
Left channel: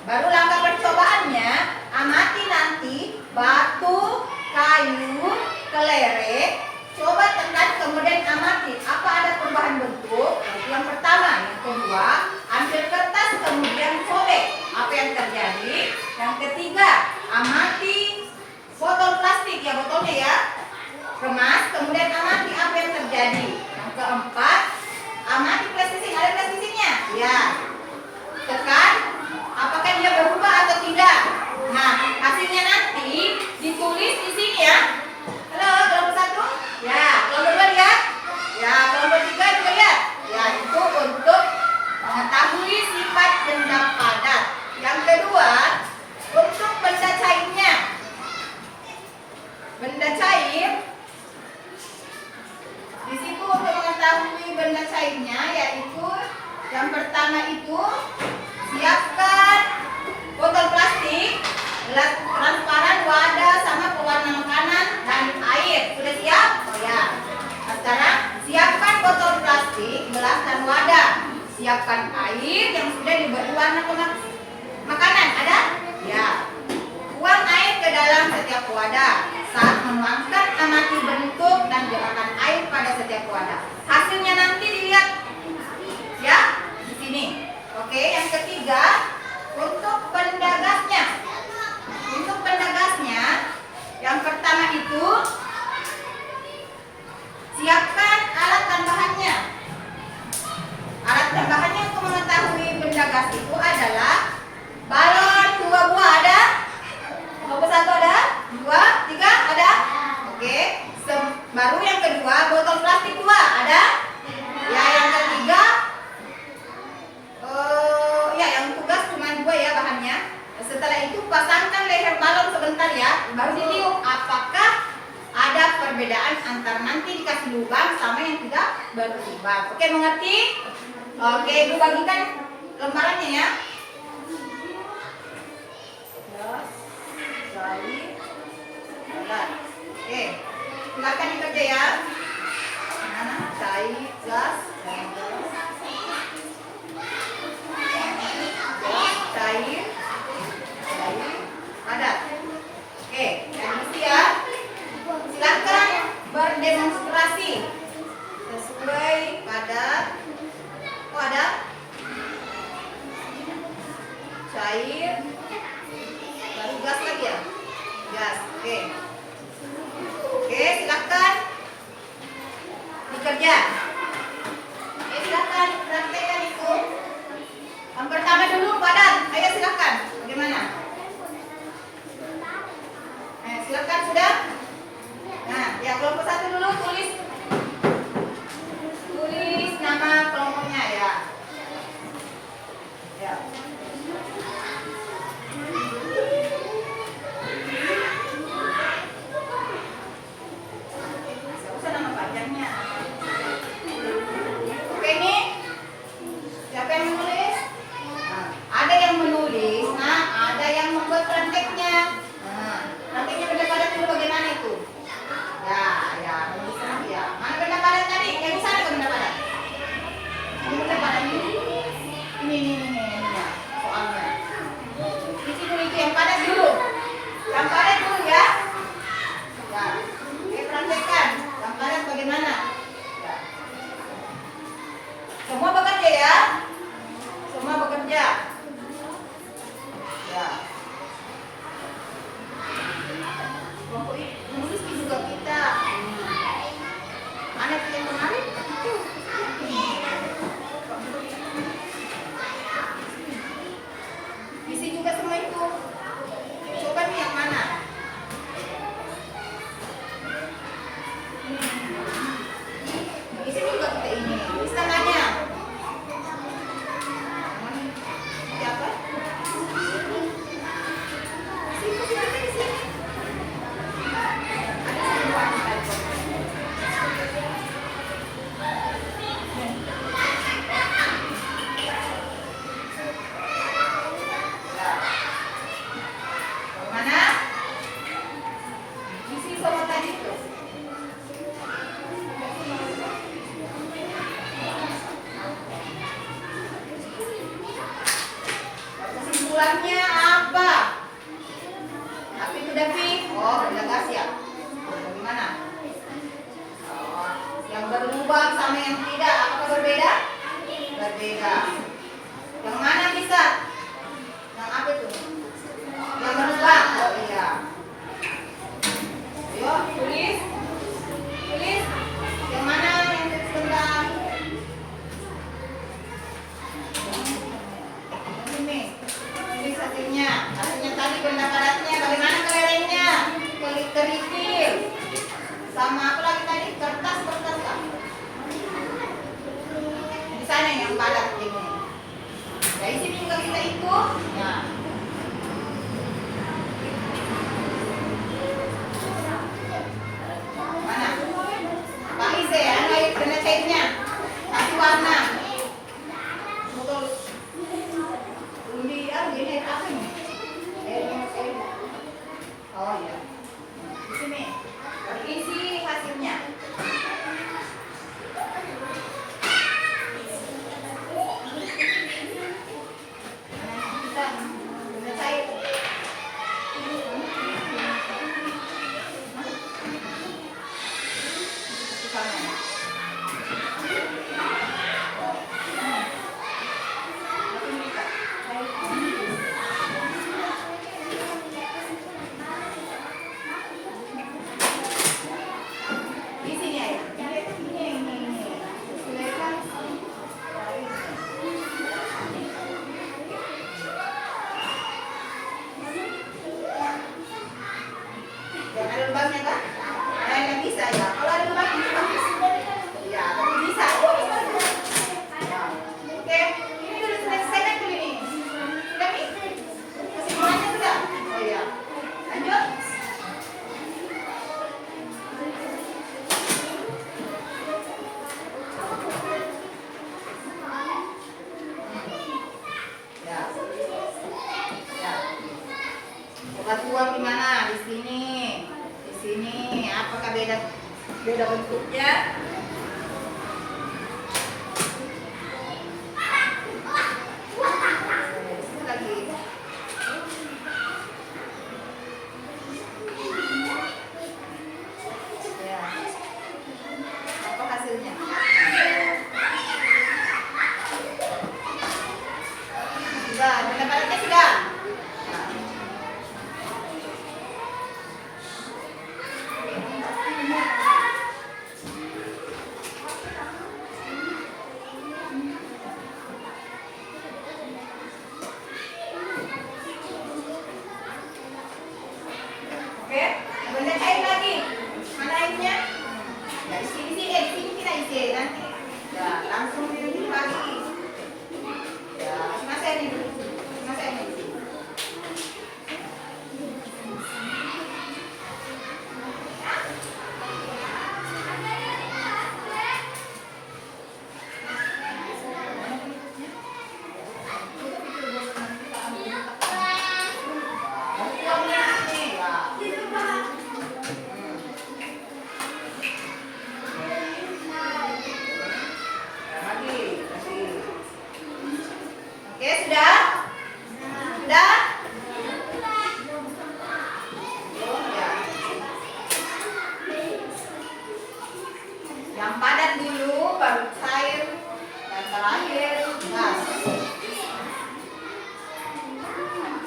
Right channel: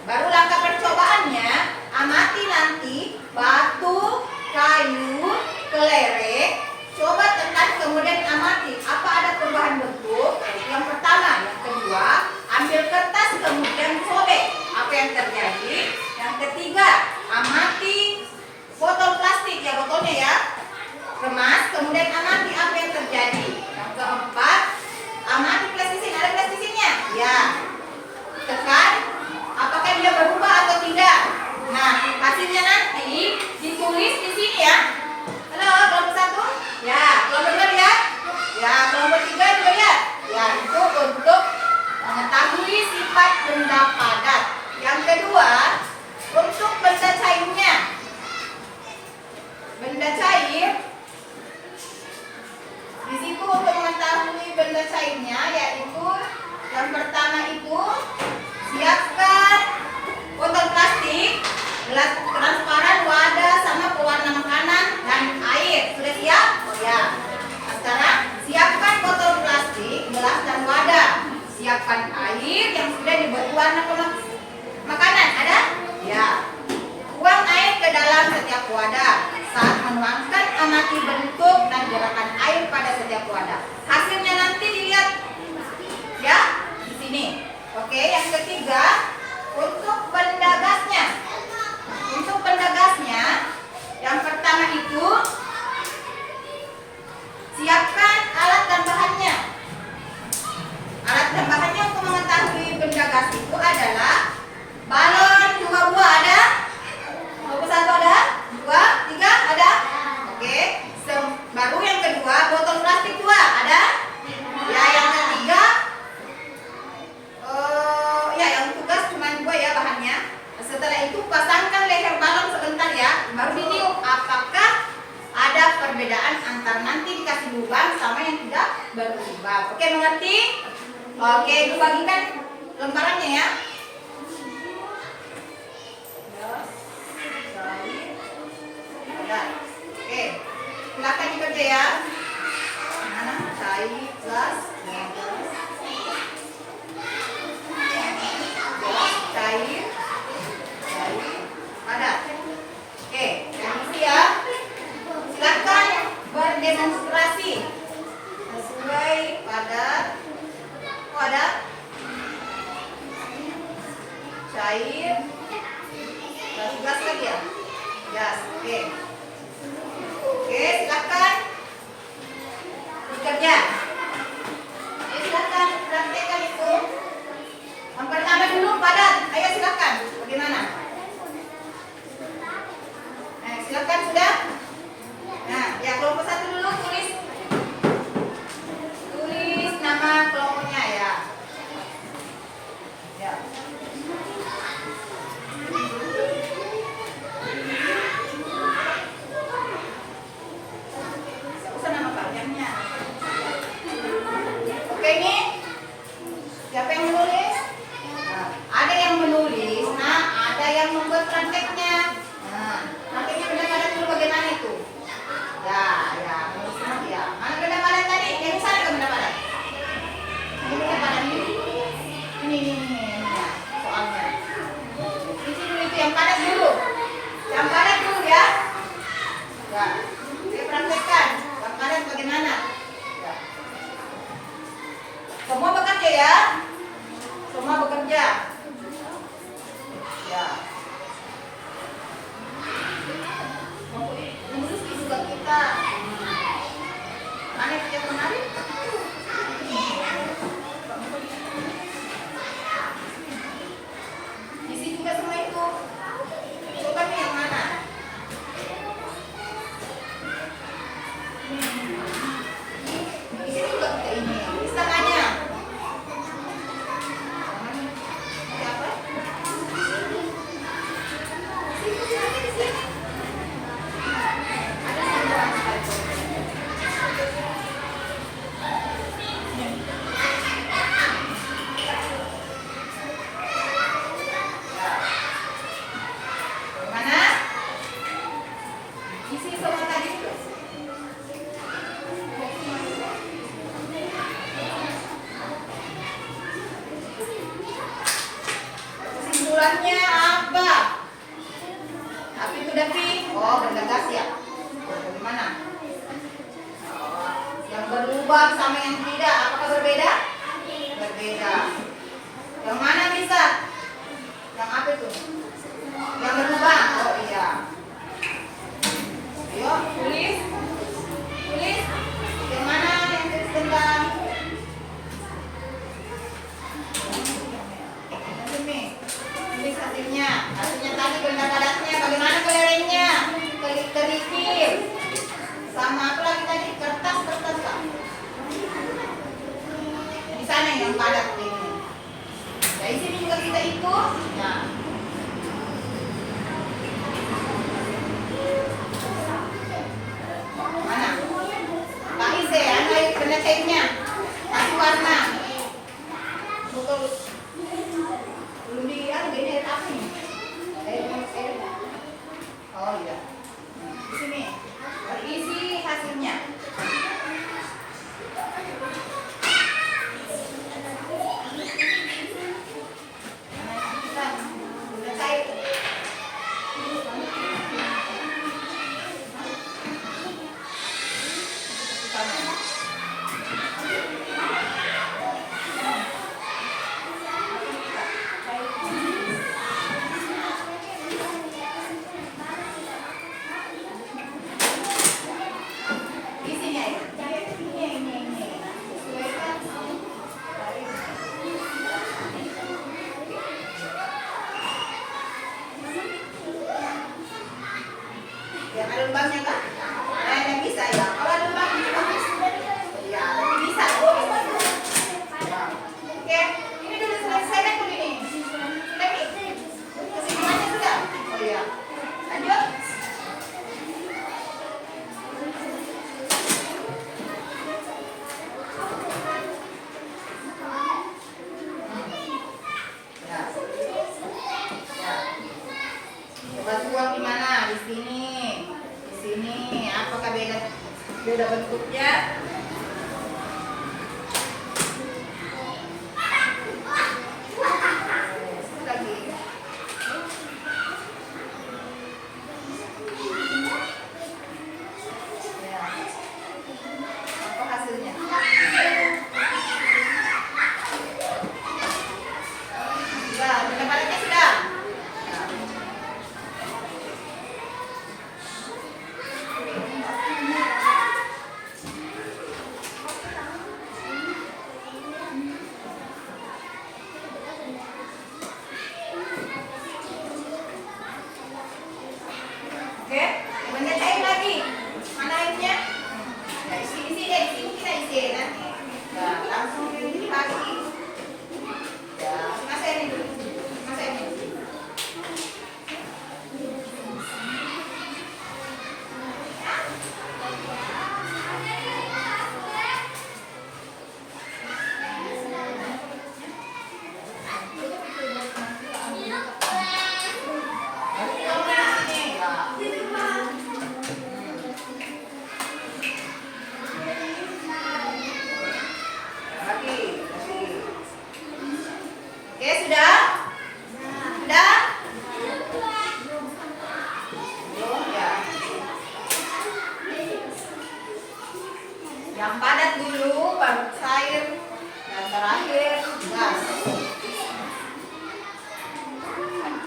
Baru langkah percobaannya, amati nanti batu, kayu, kelereng, coba tekan kemudian amati apa ada perubahan bentuk. Yang pertama, yang kedua, ambil kertas kemudian sobek apa yang terjadi. Yang ketiga, amati botol plastik ya, botolnya ya, kemas kemudian amati apa yang terjadi. Yang keempat, amati plastisin, ada plastisinnya ya, tekan apakah dia berubah atau tidak. Nah, hasilnya nanti ditulis di sini ya. Halo, kelompok 1? Ya, kelompok 2 lihat? Ya, kelompok 3 juga lihat? Ya, itu untuk mengetahui sifat benda padat. Yang kedua, untuk benda cairnya. Benda cair di situ untuk mengetahui benda cairnya yaitu yang pertama itu siapkan botol plastik, gelas transparan, wadah, sama pewarna makanan dan air. Sudah siap? Ya. Nah, sekarang siapkan botol plastik, gelas dan wadah. Siapkan air yang sudah diberi warna makanan. Ada? Ya. Tuang air ke dalam setiap wadah. Saat menuangkan, amati bentuk dan gerakan air pada setiap wadah. Hasilnya nanti dilihat ya di sini. Oke, yang ketiga, untuk benda gasnya. Untuk benda gasnya, yang pertama itu siapkan alat dan bahannya. Alat dan bahannya untuk mengetahui benda gas itu adalah balon 2 buah ada? Kelompok 1 ada? 2, 3 ada? Oke. Baru yang kedua, botol plastik 2 ada? Ya, yang ketiga ya, yang tugas cuma 2 ya bahannya. Setelah itu pasangkan leher balon sebentar ya, baru ditiup apakah ada perbedaan antara nanti dikasih lubang sama yang tidak berlubang. Oke, mengerti? Oke, itu bagikan lembarannya ya. Oke, silakan dikerja ya. Mana? Cair, gelas, cair, padat. Oke, yang isi ya. Silakan berdemonstrasi sesuai pada ada cair, lalu gas lagi ya. Gas, oke. Oke, silakan bekerja. Oke, silakan praktekkan itu. Yang pertama dulu padat. Ayo silakan. Bagaimana? Silakan sudah. Nah, ya kelompok 1 dulu tulis nama kelompoknya ya. Ya. Usah nama panjangnya. Oke, ini siapa yang menulis? Nah, ada yang menulis, nah ada yang membuat prakteknya. Nah, prakteknya benda padat dulu bagaimana itu? Ya, menulis Tulis hasilnya. Hasilnya tadi benda padatnya. Bagaimana kelerengnya? Kerikil. Sama apa lagi tadi? Kertas kan? Di sana yang padat ini. Dari sini juga kita hitung. Ya. Mana? Pak Ize, anu benda cairnya. Kasih warna. Betul. Undi, ini apa ini? Oh iya. Di sini. Isi hasilnya. Yang ada lembabnya kan? Yang bisa ya. Kalau ada lembabnya itu bagus. Ya, tapi bisa. Oke, ini dulu selesai dulu ini. Sudah nih? Kesimpulannya sudah? Oh iya. Lanjut. Ya. Ya. Obat uang di mana? Di sini. Di sini. Apakah beda bentuknya? Satu lagi. Ya. Apa hasilnya? Sudah, benda padatnya sudah. Ya. Oke, benda cair lagi. Mana airnya? Nah, di sini kita isi nanti. Ya, langsung ini lagi. Ya, mas ini dulu. Mas ini. Oke, sudah? Sudah? Belum ya? Yang padat dulu, baru cair, dan terakhir gas.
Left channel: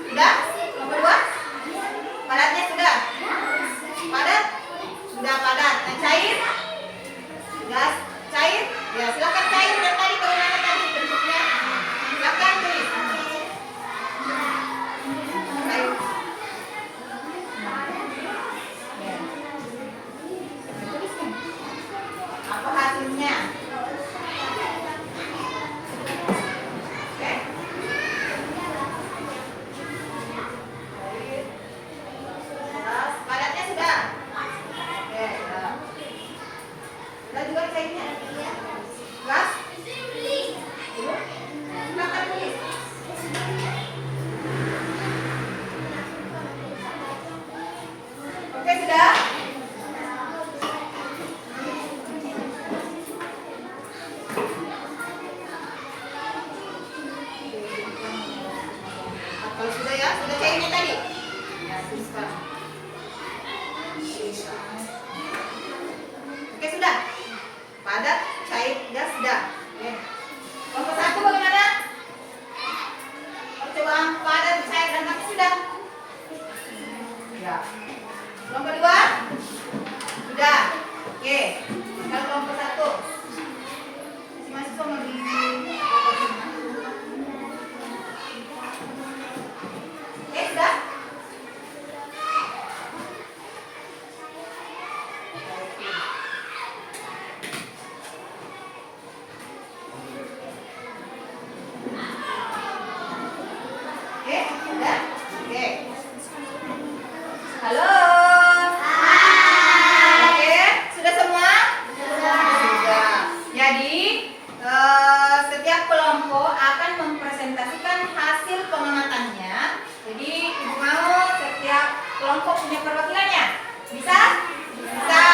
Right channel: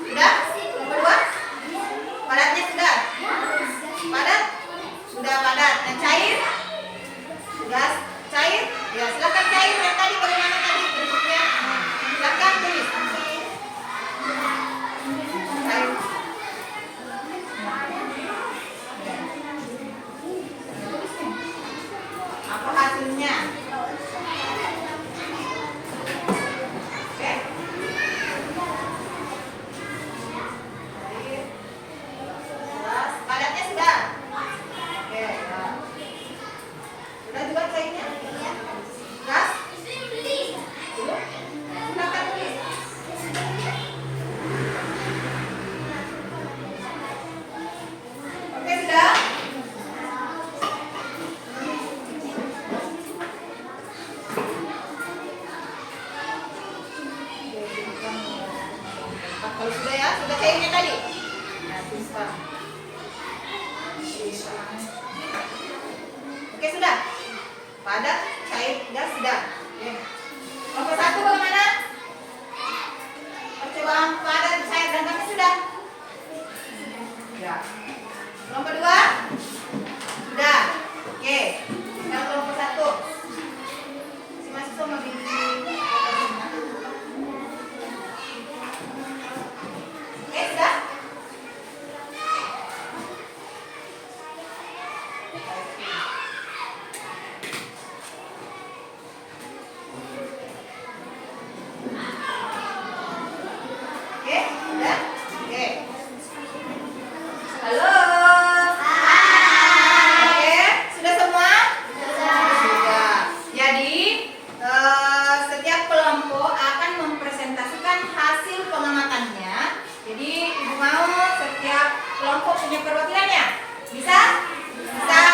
Sudah? Nomor 2? Padatnya sudah? Padat? Sudah padat. Yang cair? Gas? Cair? Ya, silakan cair. Yang tadi bagaimana tadi bentuknya? Silakan tulis. Cair. Apa hasilnya? Oke. Gas. Padatnya sudah? Oke, sudah. Sudah juga cairnya? Gas? Silakan tulis. Oke, sudah? Kalau sudah ya, sudah cairnya tadi? Ya, bisa. Oke, sudah? Padat, cair, gas, sudah. Oke. Nomor 1 bagaimana? Percobaan padat, cair, dan gasnya sudah? Ya. Nomor 2? Sudah. Oke. Sekarang nomor 1. Si mahasiswa mau di Oke, udah? Oke. Halo. Oke, sudah semua? Sudah. Jadi, setiap kelompok akan mempresentasikan hasil pengamatannya. Jadi, Ibu mau setiap kelompok punya perwakilannya? Bisa? Bisa.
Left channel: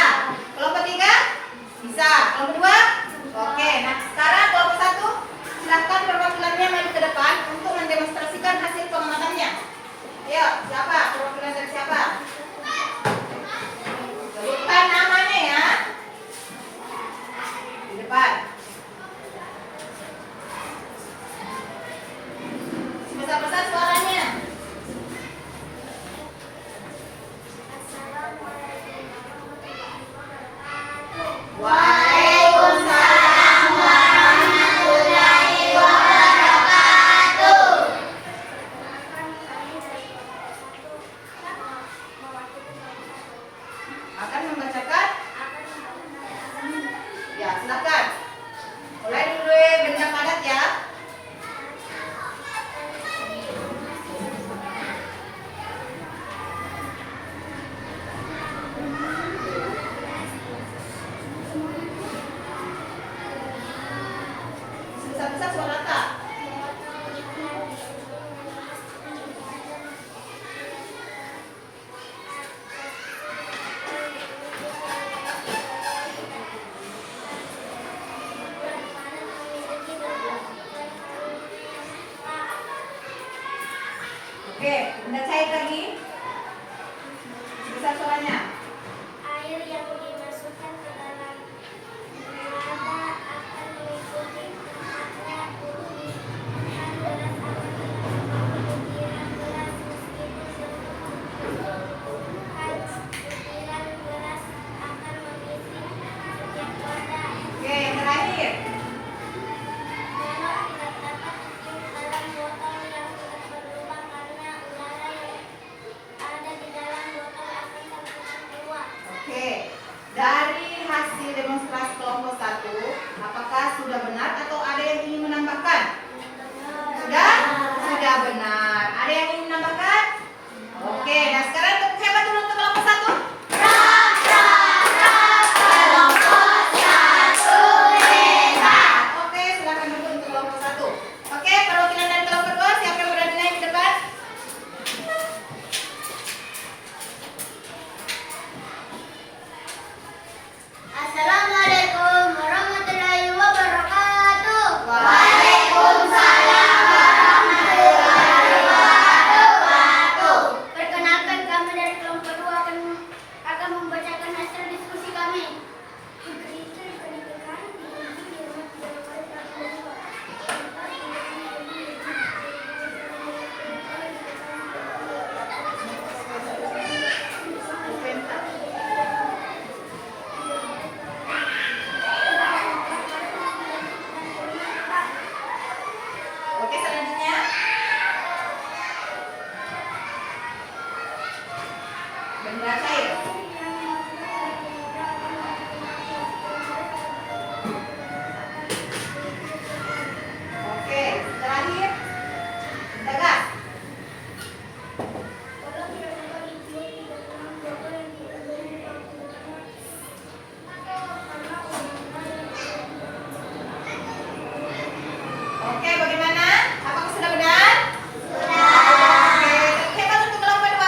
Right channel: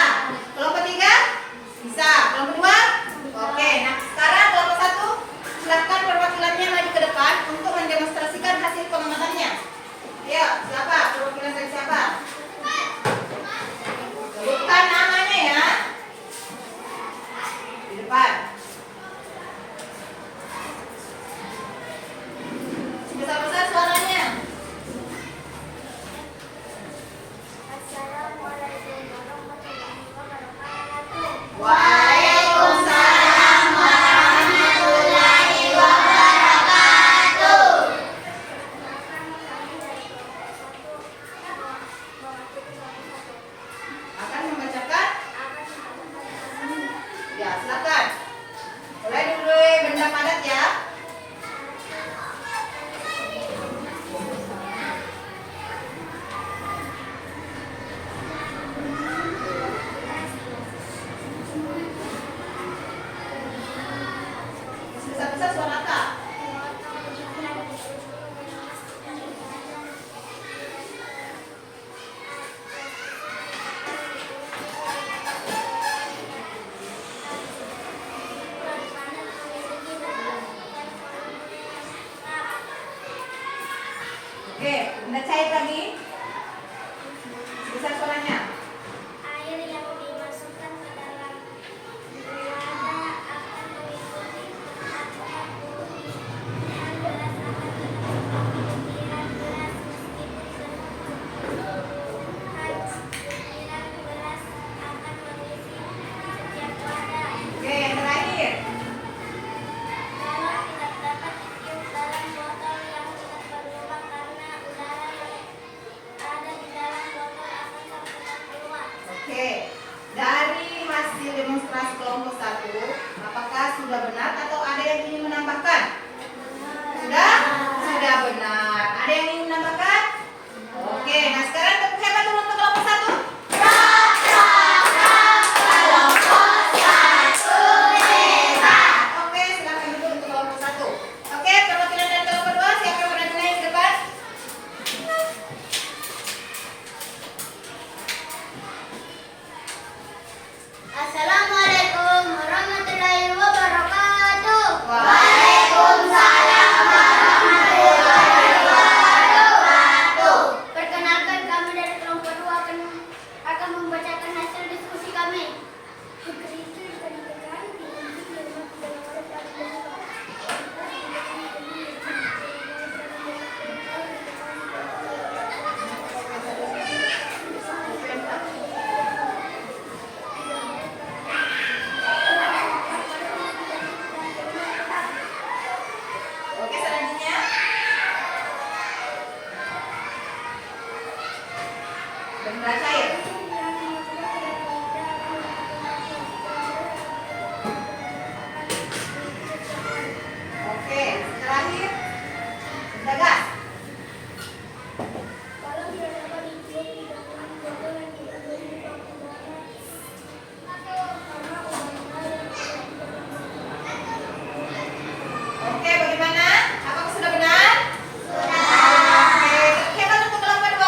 Kelompok 3? Bisa. Kelompok 2? Oke, nah sekarang kelompok 1 silahkan perwakilannya maju ke depan untuk mendemonstrasikan hasil pengamatannya. Ayo, siapa? Perwakilan dari siapa? Sebutkan namanya ya. Di depan. Besar-besar suaranya. Assalamualaikum warahmatullahi wabarakatuh. Waalaikumsalam warahmatullahi wabarakatuh. Perkenalkan kami dari kelompok 1 mewakili kelompok 1. akan membacakan. Ya, silakan. Mulai dulu benda padat ya. Besar-besar suara tak? Oke, benda cair lagi. Besar suaranya. Air yang dimasukkan ke dalam wadah akan mengikuti tempatnya bumi dan beras akan mengikuti butiran beras meskipun berkecukupan butiran beras akan mengisi setiap wadah. Oke, yang terakhir. Galon tidak dapat ditiup dalam botol yang tidak berlubang karena udara yang ada di dalam botol akan terputar keluar. Oke, dari hasil demonstrasi kelompok 1, apakah sudah benar atau ada yang ingin menambahkan? Sudah? Sudah benar. Ada yang ingin menambahkan? Oke, nah sekarang tepuk hebat dulu untuk kelompok 1. Oke, silakan dulu untuk kelompok 1. Oke, perwakilan dari kelompok 2, siapa yang berani naik ke depan? Assalamualaikum warahmatullahi wabarakatuh. Waalaikumsalam warahmatullahi wabarakatuh. Perkenalkan kami dari kelompok 2 akan membacakan hasil diskusi kami. Oke, selanjutnya. Benda cair. Oke, terakhir. Benda gas. Walau tidak dapat ditiup di dalam botol yang tidak berlubang udara karena udara yang ada di dalam botol. Oke, bagaimana? Apakah sudah benar? Sudah. Oke, hebat untuk kelompok 2.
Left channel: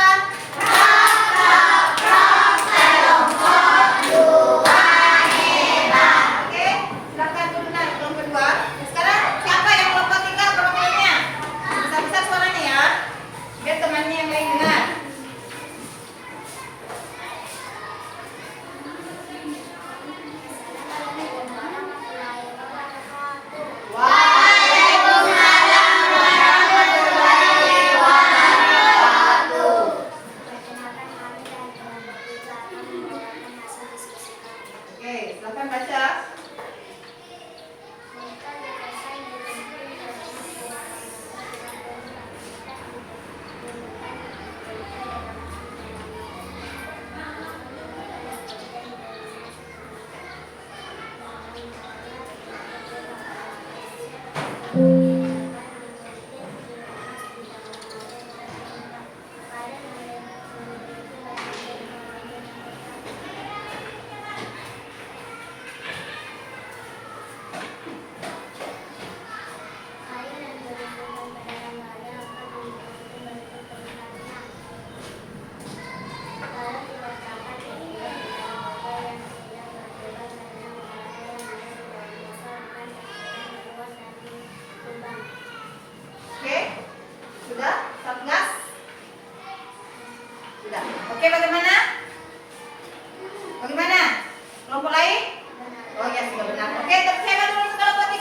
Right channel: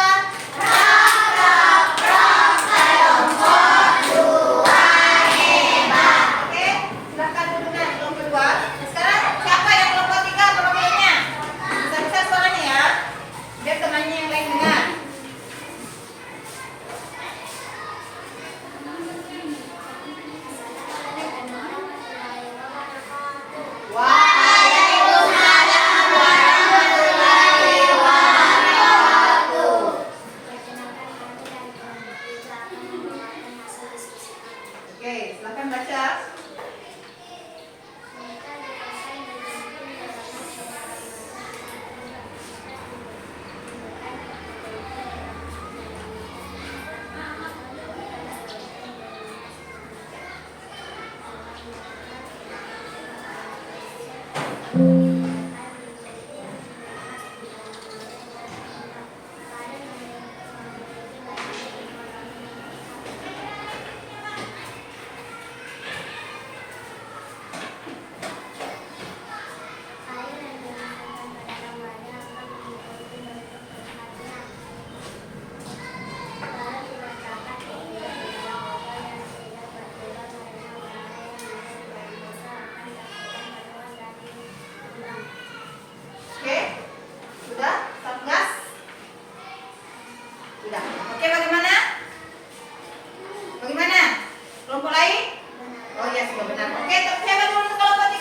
Oke, bagaimana? Bagaimana? Kelompok lain? Oh ya, sudah benar. Oke, tepuk tangan dulu untuk kelompok 3.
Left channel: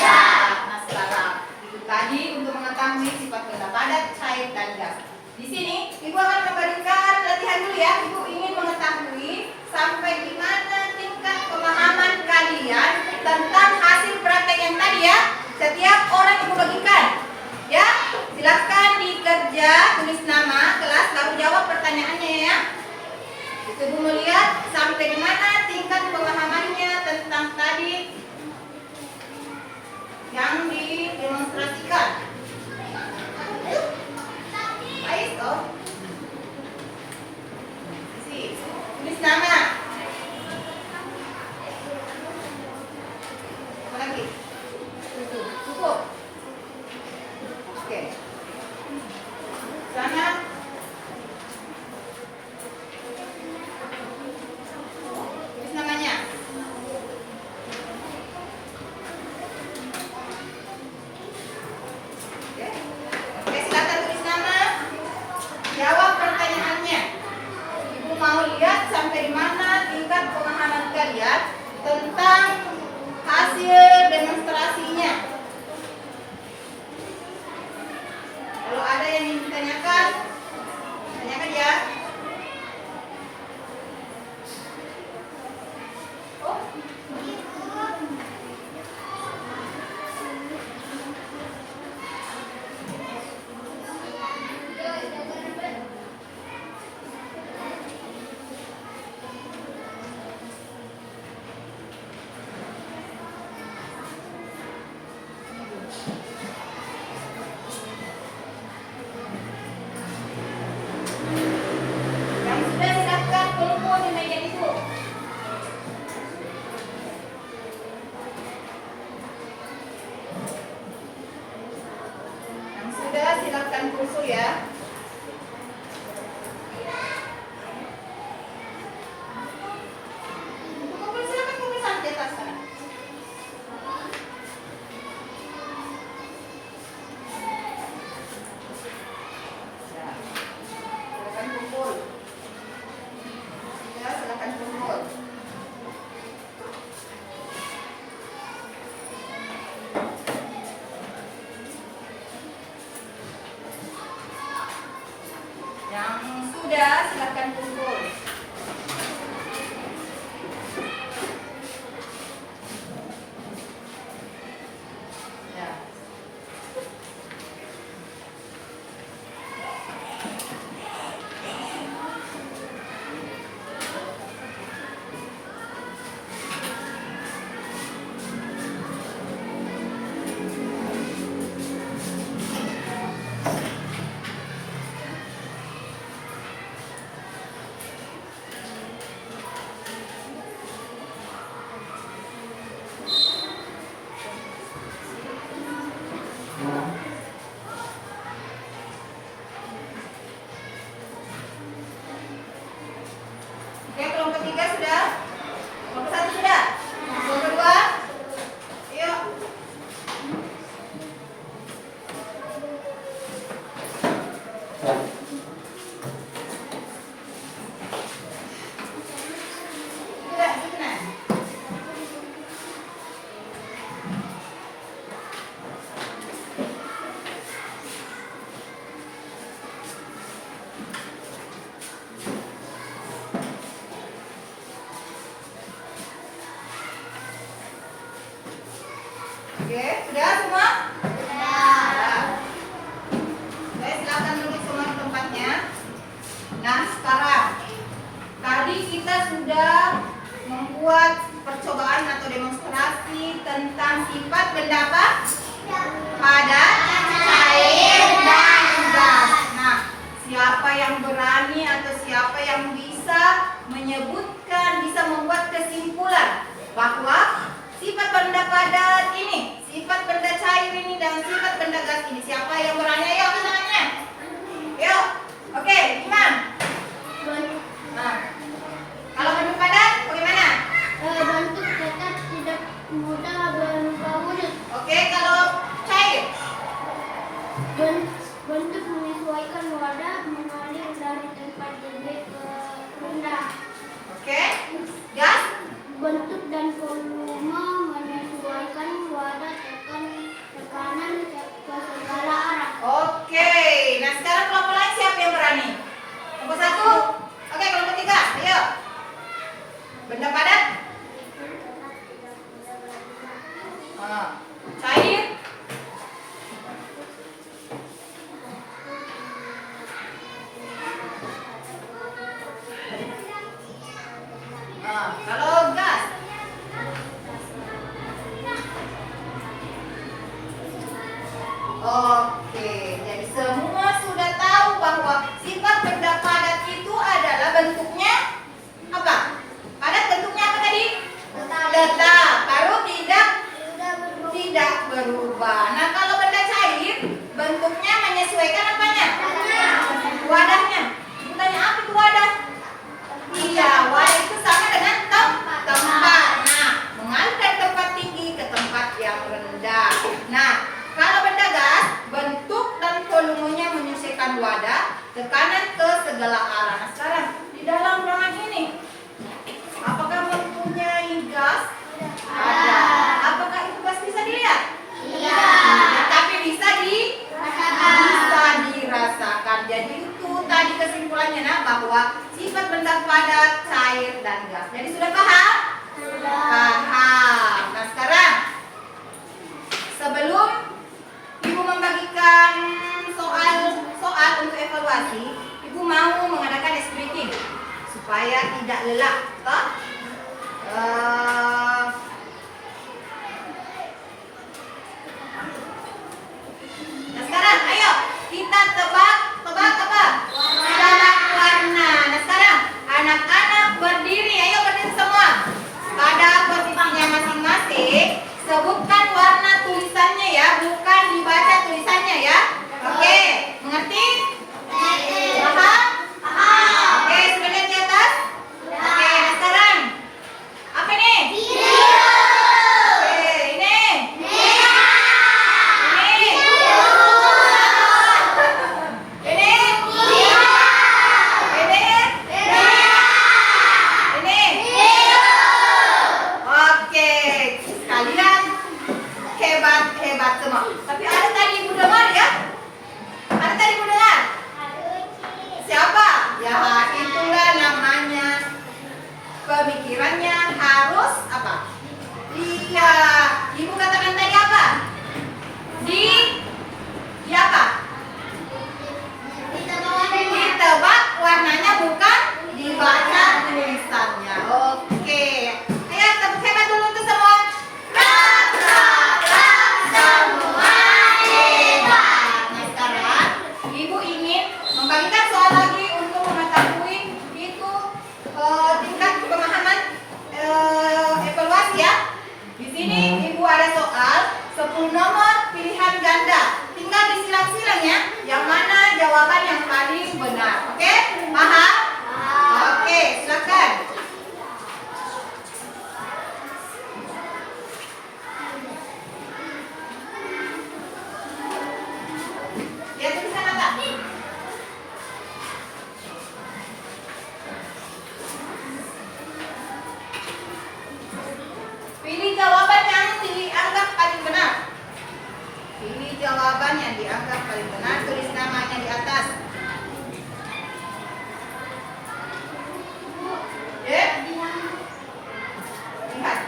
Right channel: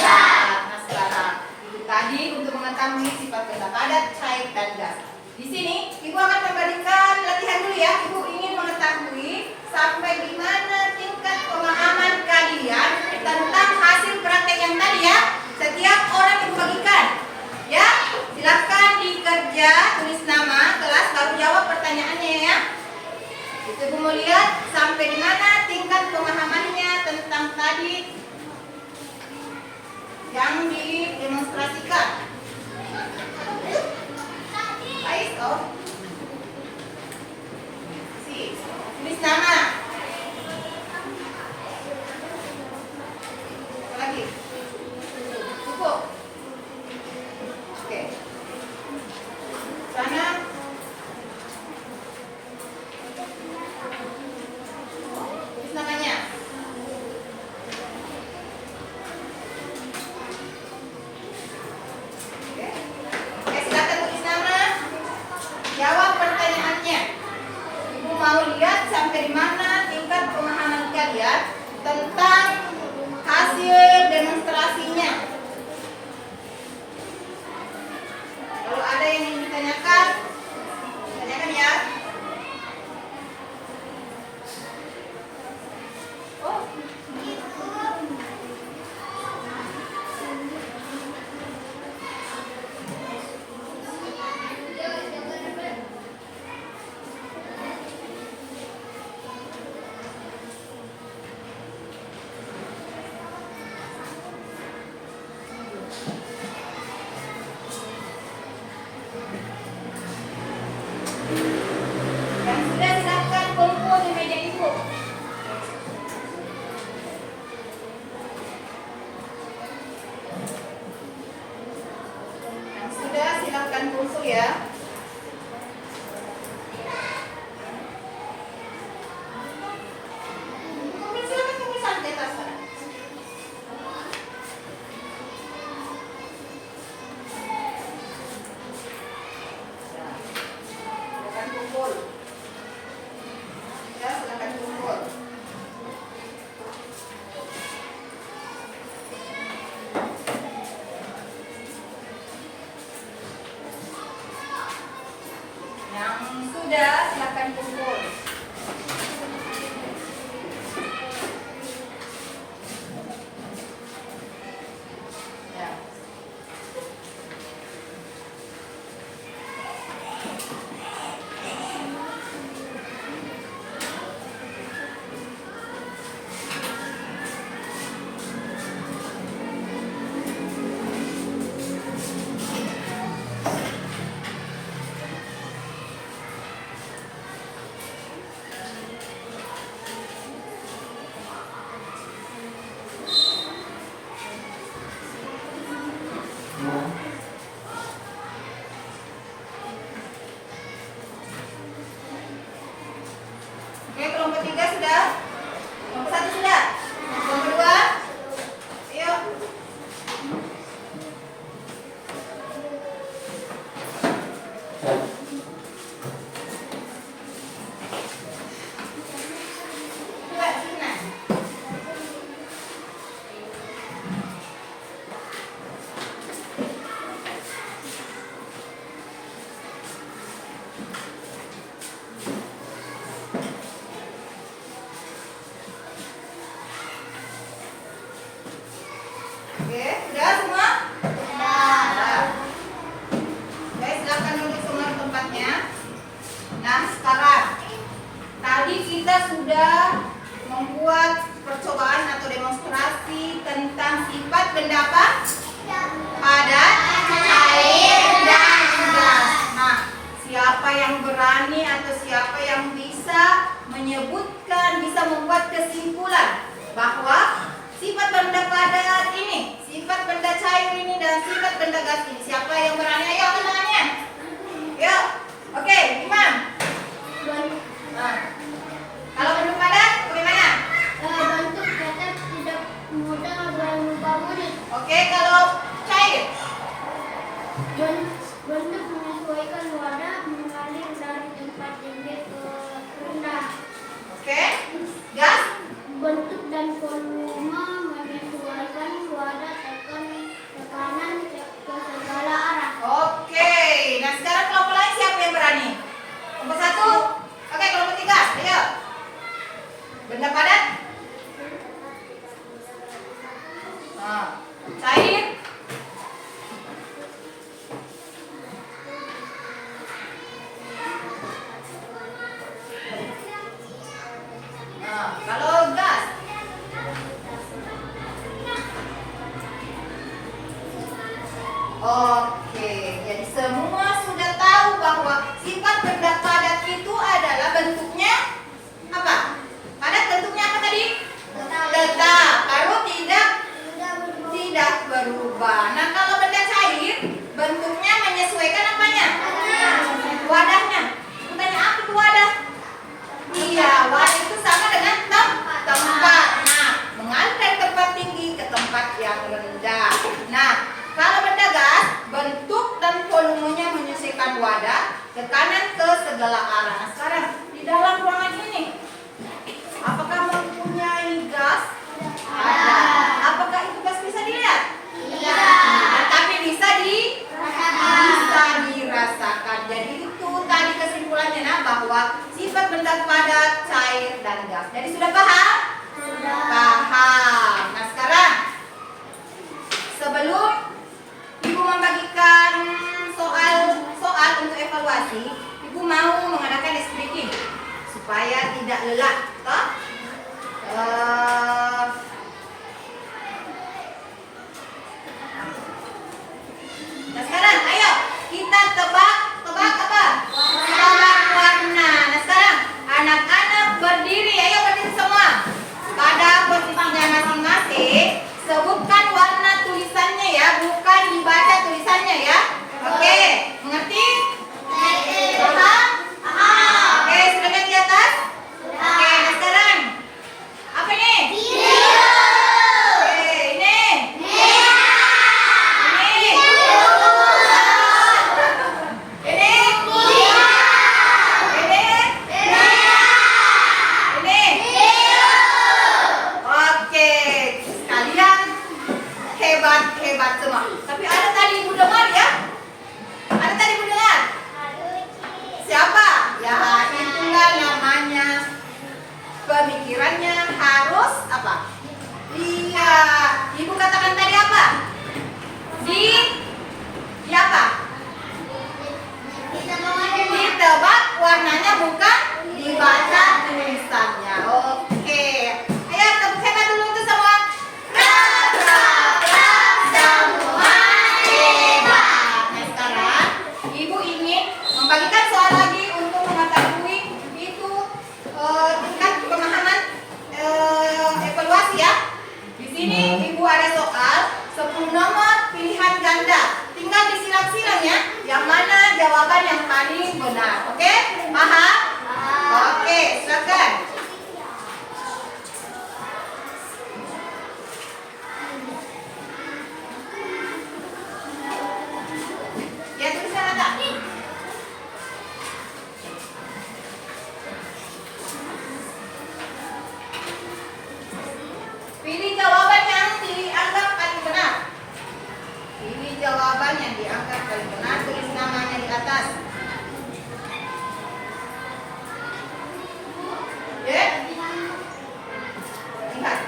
Nah, sekarang itu tadi untuk mengetahui sifat benda padat, cair, dan gas. Di sini, Ibu akan memberikan latihan dulu ya. Ibu ingin mengetahui sampai di mana tingkat pemahaman kalian tentang hasil praktek yang tadi ya. Setiap orang Ibu bagikan. Ya, silakan dikerja, tulis nama kelas, baru jawab pertanyaannya ya. Itu Ibu mau lihat sampai di mana tingkat pemahamannya tentang tadi yang didemonstrasikan. Ais, oh. Tulis nama. Apa lagi? Cukup. Oke. Sana. Tulis namanya. Oke, silakan tulis nama. Jawab pertanyaannya. Ibu mau lihat sampai di mana tingkat pemahaman kalian tentang hasil demonstrasinya. Kalau ada yang ingin ditanyakan, tanyakan ya. Oh, yang sudah silakan kumpul di meja ibu. Yang sudah silakan kumpul ya. Kumpul, silakan kumpul santai atas sana. Silakan kumpul. Ya, silakan kumpul. Yang sudah silakan kumpul. Ya. Oke, kelompok 3 sudah? Kelompok 1 sudah? Kelompok 2? Ayo. Sudah, sudah. Oke, sudah semua? Sudah. Oke, silakan duduk semua di tempatnya. Nah, sekarang tadi kita sudah membuat percobaan atau demonstrasi tentang sifat benda apa? Padat, cair, dan gas. Nah, siapa yang berani atau siapa yang bisa menyebutkan, bisa membuat kesimpulan bahwa sifat benda padat ini, sifat benda cair ini, dan sifat benda gas ini? Siapa yang berani? Ayo angkat tangannya. Yuk. Oke, Imam. Nah, kalau bentuk padat bagaimana? Bentuk padat tidak mudah berupa bulat. Oke, kalau cair? Bentuk menyesuaikan wadah mengalir dari tempat tinggi ke rendah. Oke, gas. Bentuk dan volume menyesuaikan wadah tekanan ke segala arah. Oke, nah sekarang kelompok lain siapa yang berani? Kelompok 1. Oke, kelompok 3. Ayo. Benda padat. Cair. Kalau gas. Oke, jadi semua sudah tahu bahwa sifat benda padat itu adalah bentuknya apa? Padat bentuknya apa tadi? Tetap. Lalu tidak berubah. Nah, kalau benda cair bentuknya menyesuaikan apanya? Wadahnya. Aku tanya apa itu wadah? Iya, wadah itu sama dengan tempat. Nah, mengalir dari tempat tinggi ke tempat yang rendah. Nah, kalau benda gas, bentuk dan volumenya menyesuaikan wadah, tekanan ke segala arah. Nah, sekarang di dalam ruangan ini, apakah mempunyai gas? Ada. Apakah itu gas bisa dilihat? Tidak. Tapi bisa dirasakan. Jadi itu tadi kesimpulannya bahwa sifat benda padat, cair, dan gas. Jadi sudah paham? Sudah. Paham. Nah, sekarang sebelum Ibu membagikan soal untuk evaluasi, Ibu mau mengadakan ice breaking supaya tidak lelah, toh? Nah, sekarang ayo kita tebak apa? Tebak warna. Nah, sekarang anak-anak berdiri, ayo berdiri semua pada posisinya masing-masing. Sebutkan warna tulisannya ya, bukan dibaca tulisannya ya. Oke, mengerti? Paham? Oke, sudah lihat di atas? Oke, nah sekarang apa ini? Oke, ini. Oke, kalian hebat semua. Tapi ada tadi Ibu dengar ya? Ada tadi Ibu dengar? Siapa? Ya, itulah namanya pemikirannya harus apa? Iya. Ibu katakan tadi apa? Di apa? Ditebak warnanya, bukan dibaca tulisannya. Oke. Ayo tepuk hebat dulu untuk semua. Semua hebat. Nah, sekarang Ibu ingin membagikan soal lagi untuk mengetahui itu tingkat pemahaman evaluasi ya. Di sini Ibu ada soal 10 nomor pilihan ganda. Tinggal disilang-silang ya, yang mana jawaban yang paling benar. Oke? Paham? Oke, silakan. Ya, tulisan ada. Pilih jawaban yang dianggap paling benar. Pilih jawaban yang dianggap paling benar. Tulis namanya di atas. Ya? Lihat.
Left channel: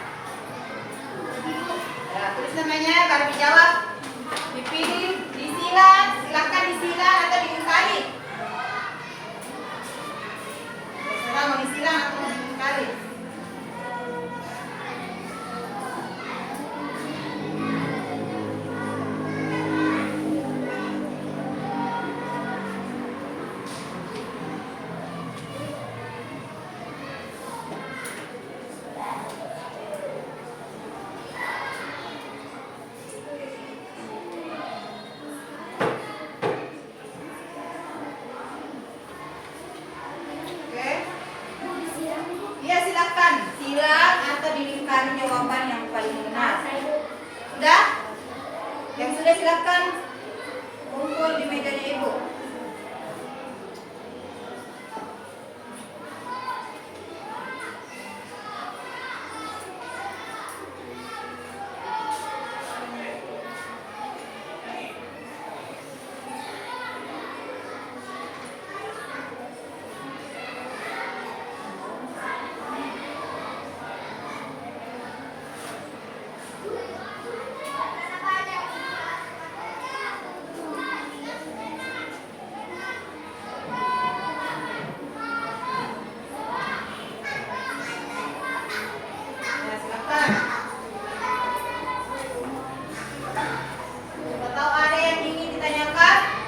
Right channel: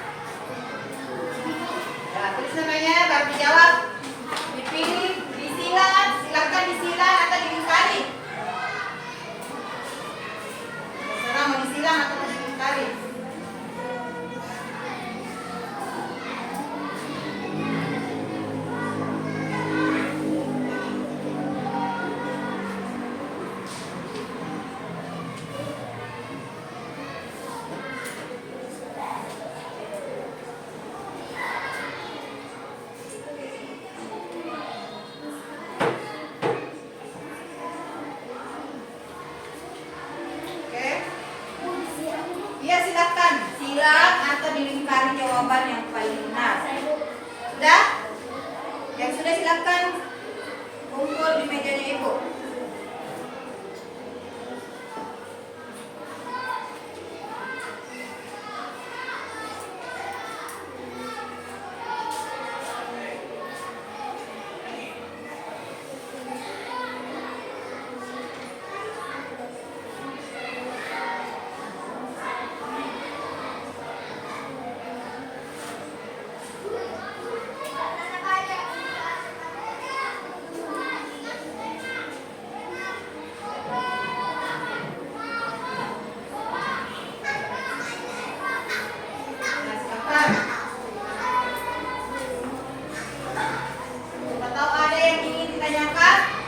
Ya, tulis namanya baru dijawab. Dipilih, disilang, silahkan disilang atau diingkari. Terserah mau disilang atau mau diingkari. Oke. Iya, silakan silang atau dilingkari jawaban yang paling benar. Sudah? Yang sudah silakan kumpul di mejanya Ibu. Nah, silakan. Siapa tahu ada yang ingin ditanyakan?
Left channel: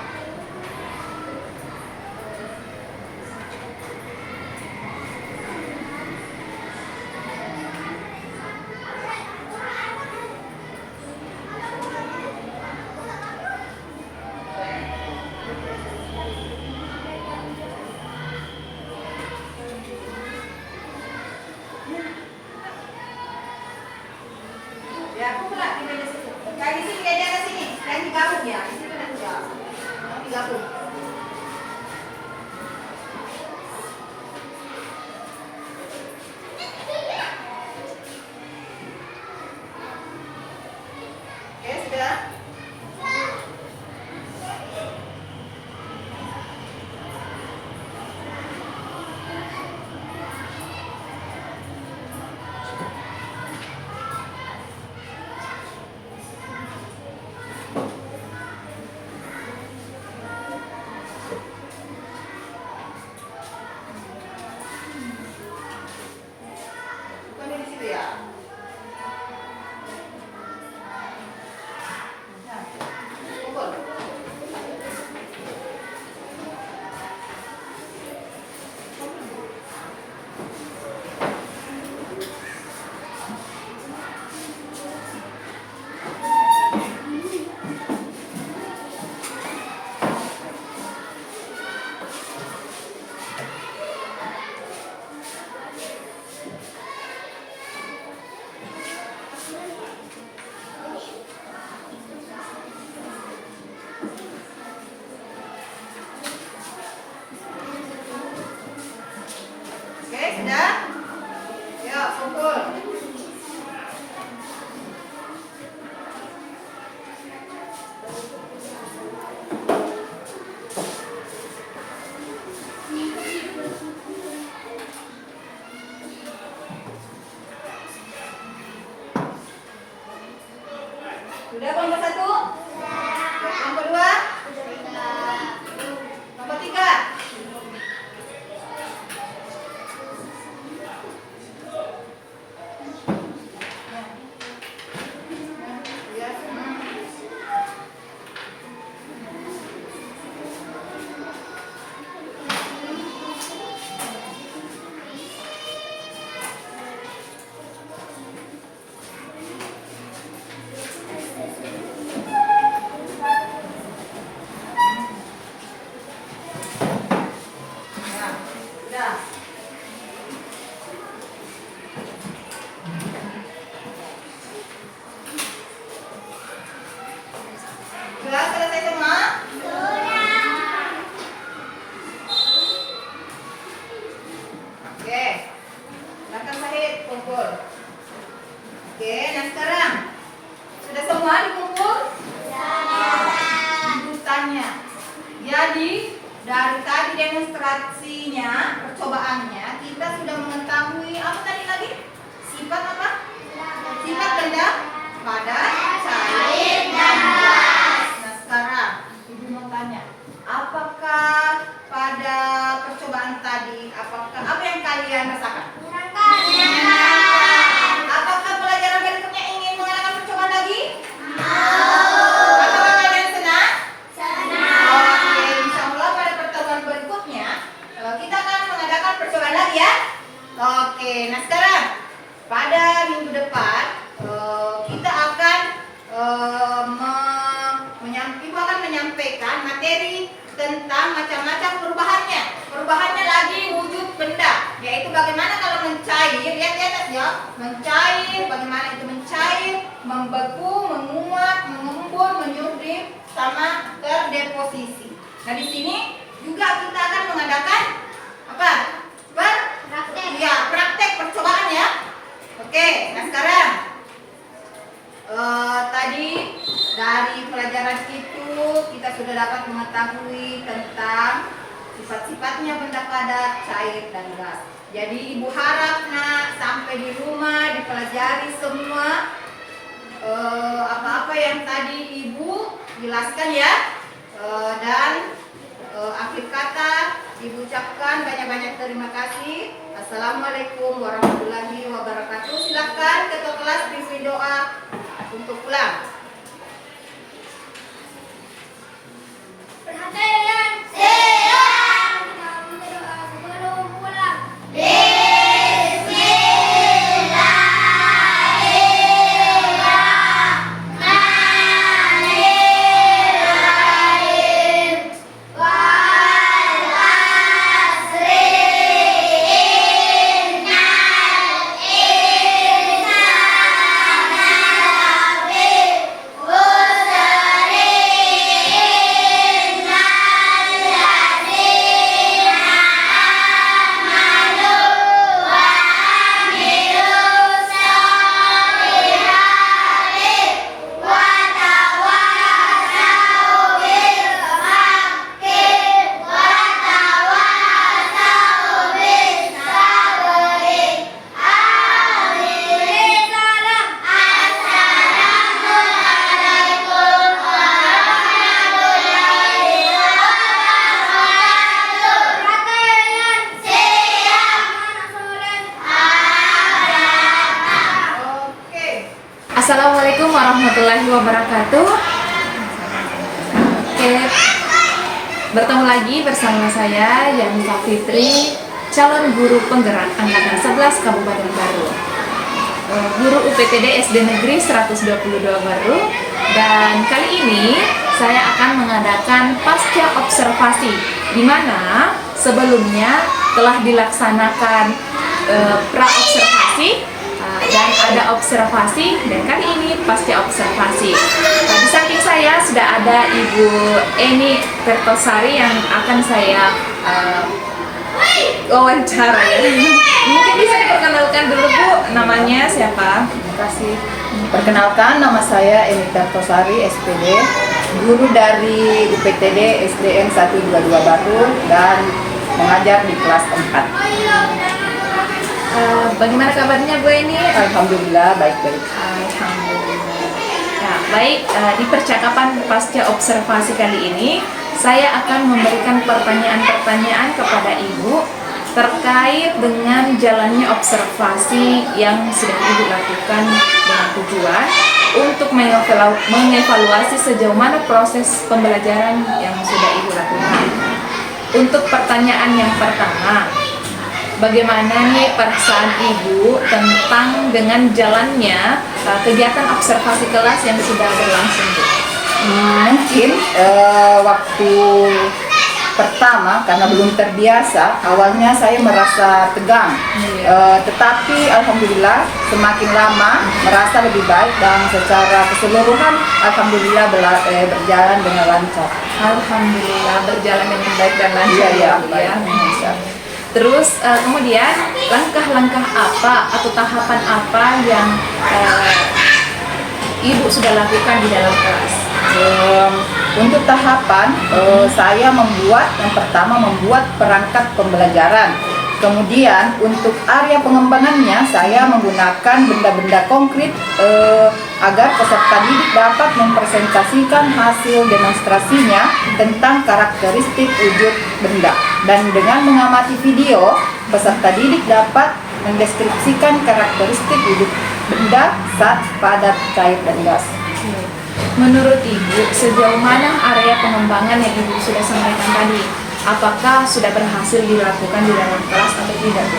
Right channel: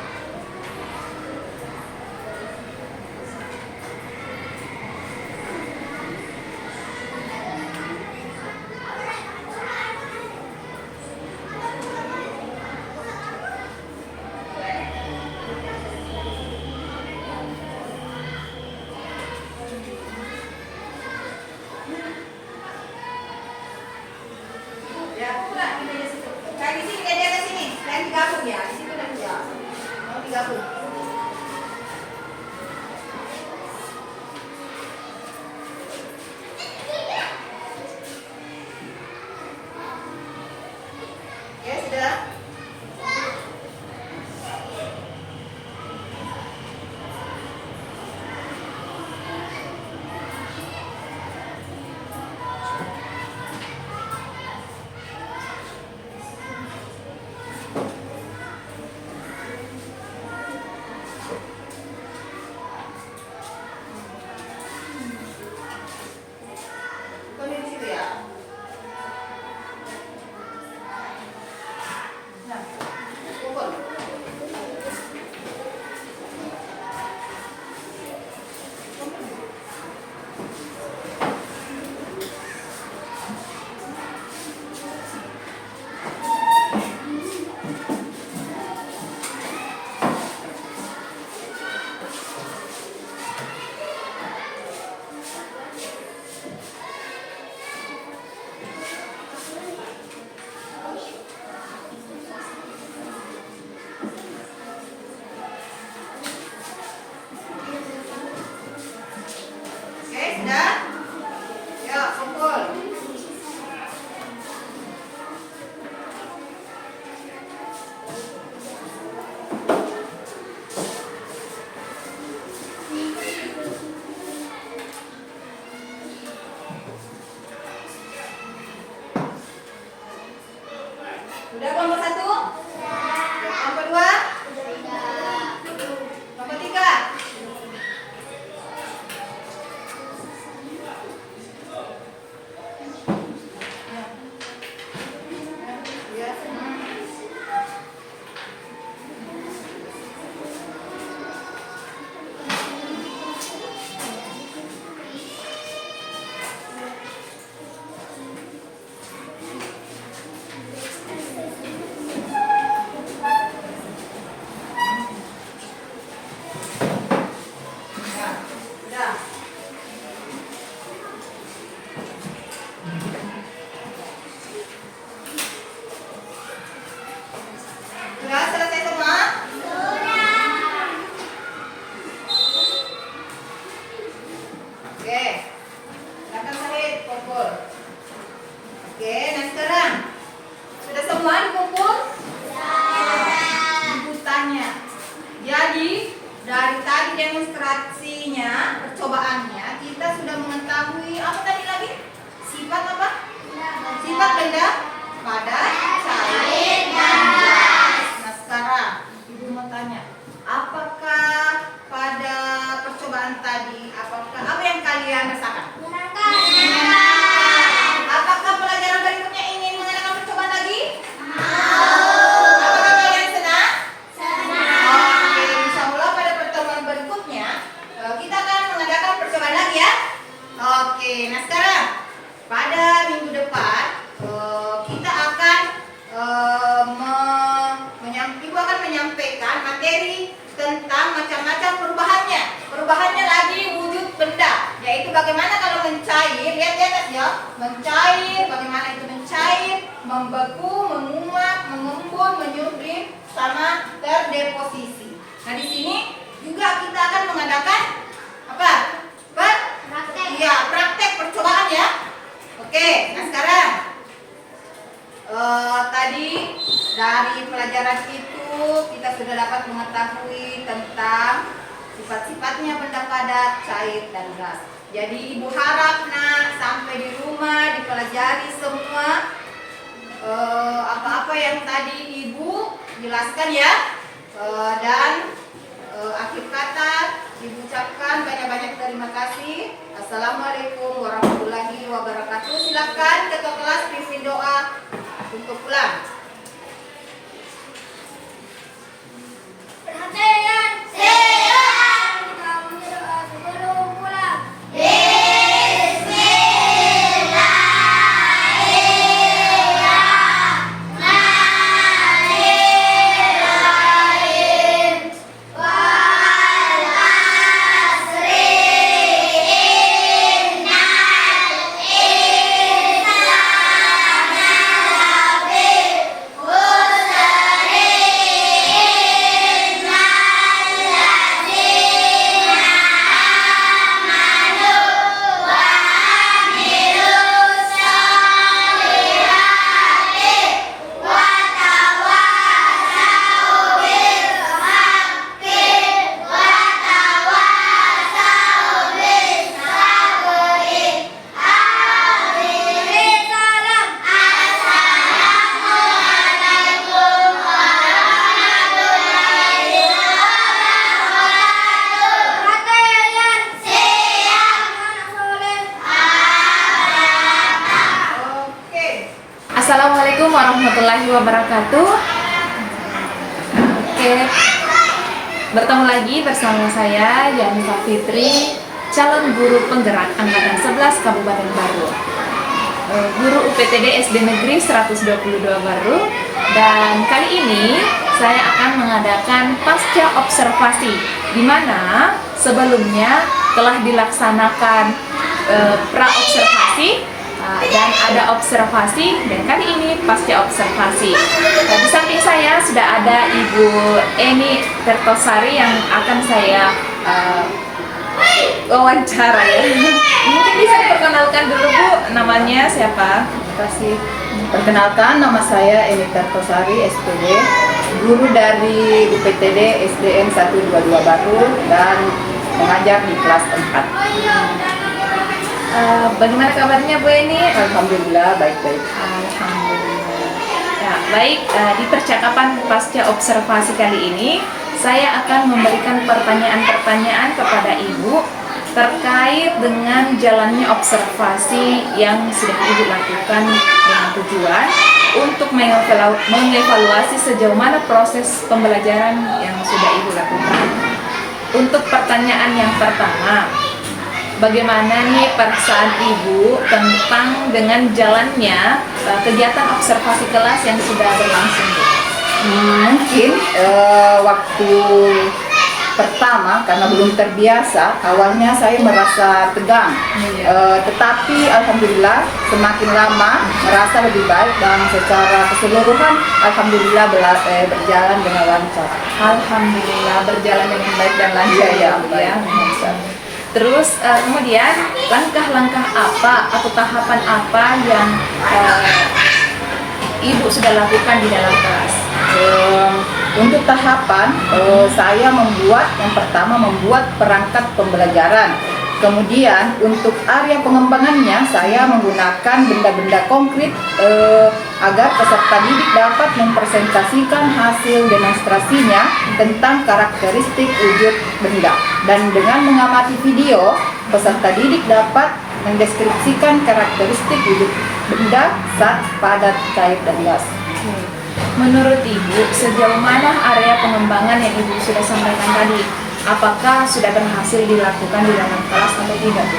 Ya, kumpul lah di meja situ. Kayak di sini ada sini. Kalian digabung ya. Di situ nanti ya. Mau digabung. Oke, sudah. Kumpul di situ ya. Nah, kumpul. Oke, sudah? Yuk, kumpul. Sudah kelompok 1? Sudah. Kelompok 2? Kelompok 3? Ya. Ya, sudah. Sudah selesai semua? Oke. Silakan Syahid kumpul. Oke, nah sekarang sudah semua dikumpul? Ibu tanya. Jadi dari tadi demonstrasinya, percobaannya, kita sudah mengetahui apa tadi lagi? Sifat apa? Sifat benda padat, cair, dan gas. Nah sekarang ibu mau tanya, apakah pada percobaan tadi, apa yang kalian rasakan? Apakah pelajaran berikutnya ingin mengadakan percobaan lagi? Apakah kalian senang? Oke, insya Allah pada pertemuan berikutnya kita akan mengadakan percobaan lagi ya. Oke, nah sekarang pada minggu depan kita akan Ibu akan menyampaikan materi tentang macam-macam perubahannya. Perubahannya lagi wujud benda, yaitu bagaimana kalau mencair, lihat di atas ya, mencair, bagaimana itu mencair, membeku, menguap, mengembun, menyuding, sama terdeposisi. Nah di sini juga kita akan mengadakan apa? Praktek. Ya, praktek percobaan ya. Oke, nah sekarang tadi dari pelajaran itu kita sudah dapat mengetahui tentang sifat-sifatnya benda padat, cair, dan gas. Jadi ibu harap nak sampai di rumah dipelajari semua apa-apa yang tadi ibu jelaskan ya. Dan akhir kata ibu ucapkan banyak-banyak terima kasih. Assalamualaikum warahmatullahi wabarakatuh. Silakan ketua kelas pimpin doa untuk pulang. Perhatian, siap. Kita berdoa sebelum pulang. Assalamualaikum warahmatullahi wabarakatuh. Oke, bertemu lagi bersama saya Yanisa Fitri, calon guru penggerak angkatan 11 Kabupaten Baru, guru UPTD SD Negeri 122 Baru. Dan kali ini saya akan mengadakan pasca observasi, di mana sebelumnya telah dilaksanakan pra observasi dan ada observasi, dan kali ini pasca observasi. Di samping saya sudah ada Ibu Eni Kertosari yang akan saya wawancara ya. Mungkin bisa diperkenalkan dulu Bu, namanya siapa? Terima kasih. Perkenalkan, nama saya Eni Kertosari, SPD, guru dari UPTD SDN 122 Baru dan mengajar di kelas 4. Bagaimana kabarnya Bu Eni? Alhamdulillah baik-baik. Alhamdulillah. Ya, baik, di percakapan pasca observasi kali ini saya akan memberikan pertanyaan-pertanyaan kepada Ibu terkait dengan jalannya observasi yang sudah Ibu lakukan dengan tujuan untuk mengevaluasi sejauh mana proses pembelajaran yang sudah Ibu lakukan. Untuk pertanyaan yang pertama, bagaimana nih perasaan Ibu tentang dengan jalannya kegiatan observasi kelas yang sudah berlangsung, Bu? Mungkin waktu pertama karena belum terbiasa, awalnya saya merasa tegang. Tetapi alhamdulillah semakin lama merasa lebih baik dan secara keseluruhan alhamdulillah berjalan dengan lancar. Alhamdulillah berjalan dengan baik dan lancar Iya, Bu, baik. ya. Terus kemudian langkah-langkah apa atau tahapan apa yang Ibu sudah lakukan di dalam kelas? Untuk tahapan, saya yang pertama membuat perangkat pembelajaran. Kemudian untuk area pengembangannya saya menggunakan benda-benda konkret agar peserta didik dapat mempresentasikan hasil demonstrasinya tentang karakteristik wujud benda. Dan dengan mengamati video, peserta didik dapat mendeskripsikan karakteristik wujud benda, zat, padat, cair, dan gas. Menurut Ibu, sejauh mana area pengembangan yang Ibu sudah sampaikan tadi? Apakah sudah berhasil dilakukan di dalam kelas atau tidak, Bu?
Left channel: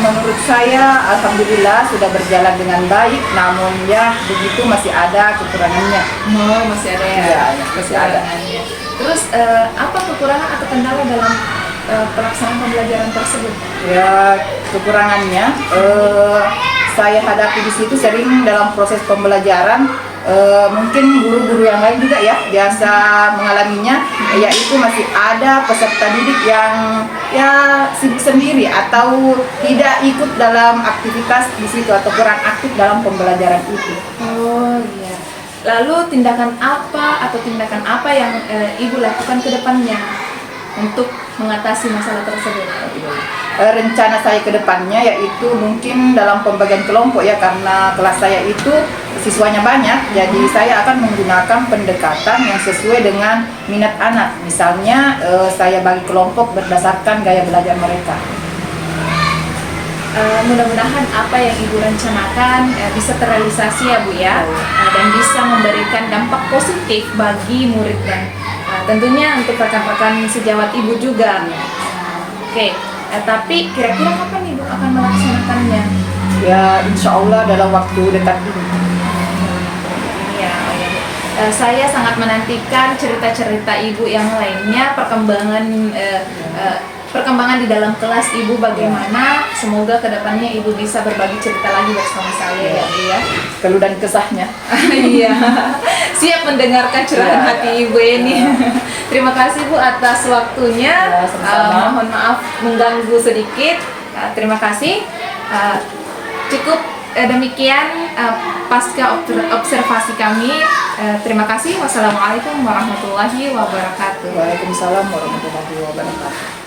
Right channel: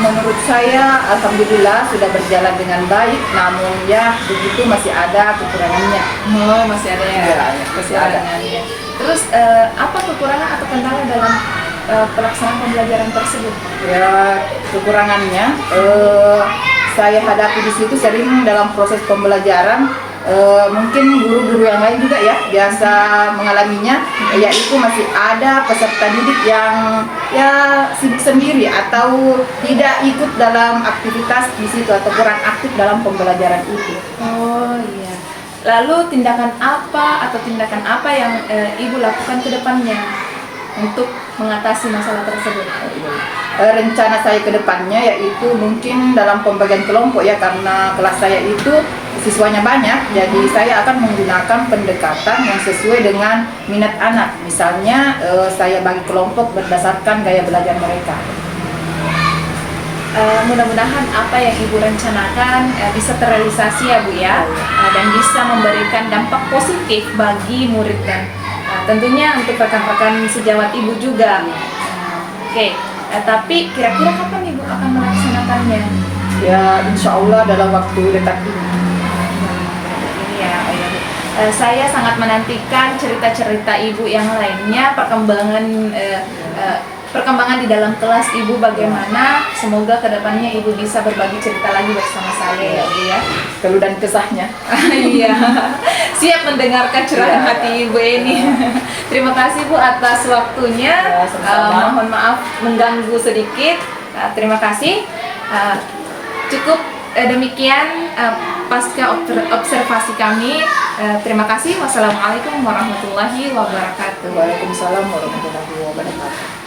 Menurut saya, alhamdulillah sudah berjalan dengan baik, namun ya begitu masih ada kekurangannya. Oh, masih ada ya? Ya, masih ada. Kekurangannya. Terus apa kekurangan atau kendala dalam pelaksanaan pembelajaran tersebut? Ya, kekurangannya saya hadapi di situ sering dalam proses pembelajaran, mungkin guru-guru yang lain juga ya biasa mengalaminya, yaitu masih ada peserta didik yang ya sibuk sendiri atau tidak ikut dalam aktivitas di situ atau kurang aktif dalam pembelajaran itu. Oh iya. Lalu tindakan apa yang Ibu lakukan ke depannya untuk mengatasi masalah tersebut? Rencana saya ke depannya yaitu mungkin dalam pembagian kelompok ya, karena kelas saya itu siswanya banyak, jadi saya akan menggunakan pendekatan yang sesuai dengan minat anak. Misalnya saya bagi kelompok berdasarkan gaya belajar mereka. Mudah-mudahan apa yang Ibu rencanakan bisa terrealisasi ya Bu ya, dan bisa memberikan dampak positif bagi murid dan tentunya untuk rekan-rekan sejawat Ibu juga. Oke, tapi kira-kira kapan Ibu akan melaksanakannya? Ya insya Allah dalam waktu dekat ini. Ini ya, oh ya Bu. Saya sangat menantikan cerita-cerita Ibu yang lainnya, perkembangan di dalam kelas Ibu bagaimana. Semoga kedepannya Ibu bisa berbagi cerita lagi bersama saya ya Bu ya. Keluh dan kesahnya. Iya, siap mendengarkan curahan hati Ibu ini. Terima kasih Bu atas waktunya. Ya, sama-sama. Mohon maaf mengganggu sedikit. Terima kasih. Cukup demikian pasca observasi kami. Terima kasih. Wassalamualaikum warahmatullahi wabarakatuh. Waalaikumsalam warahmatullahi wabarakatuh.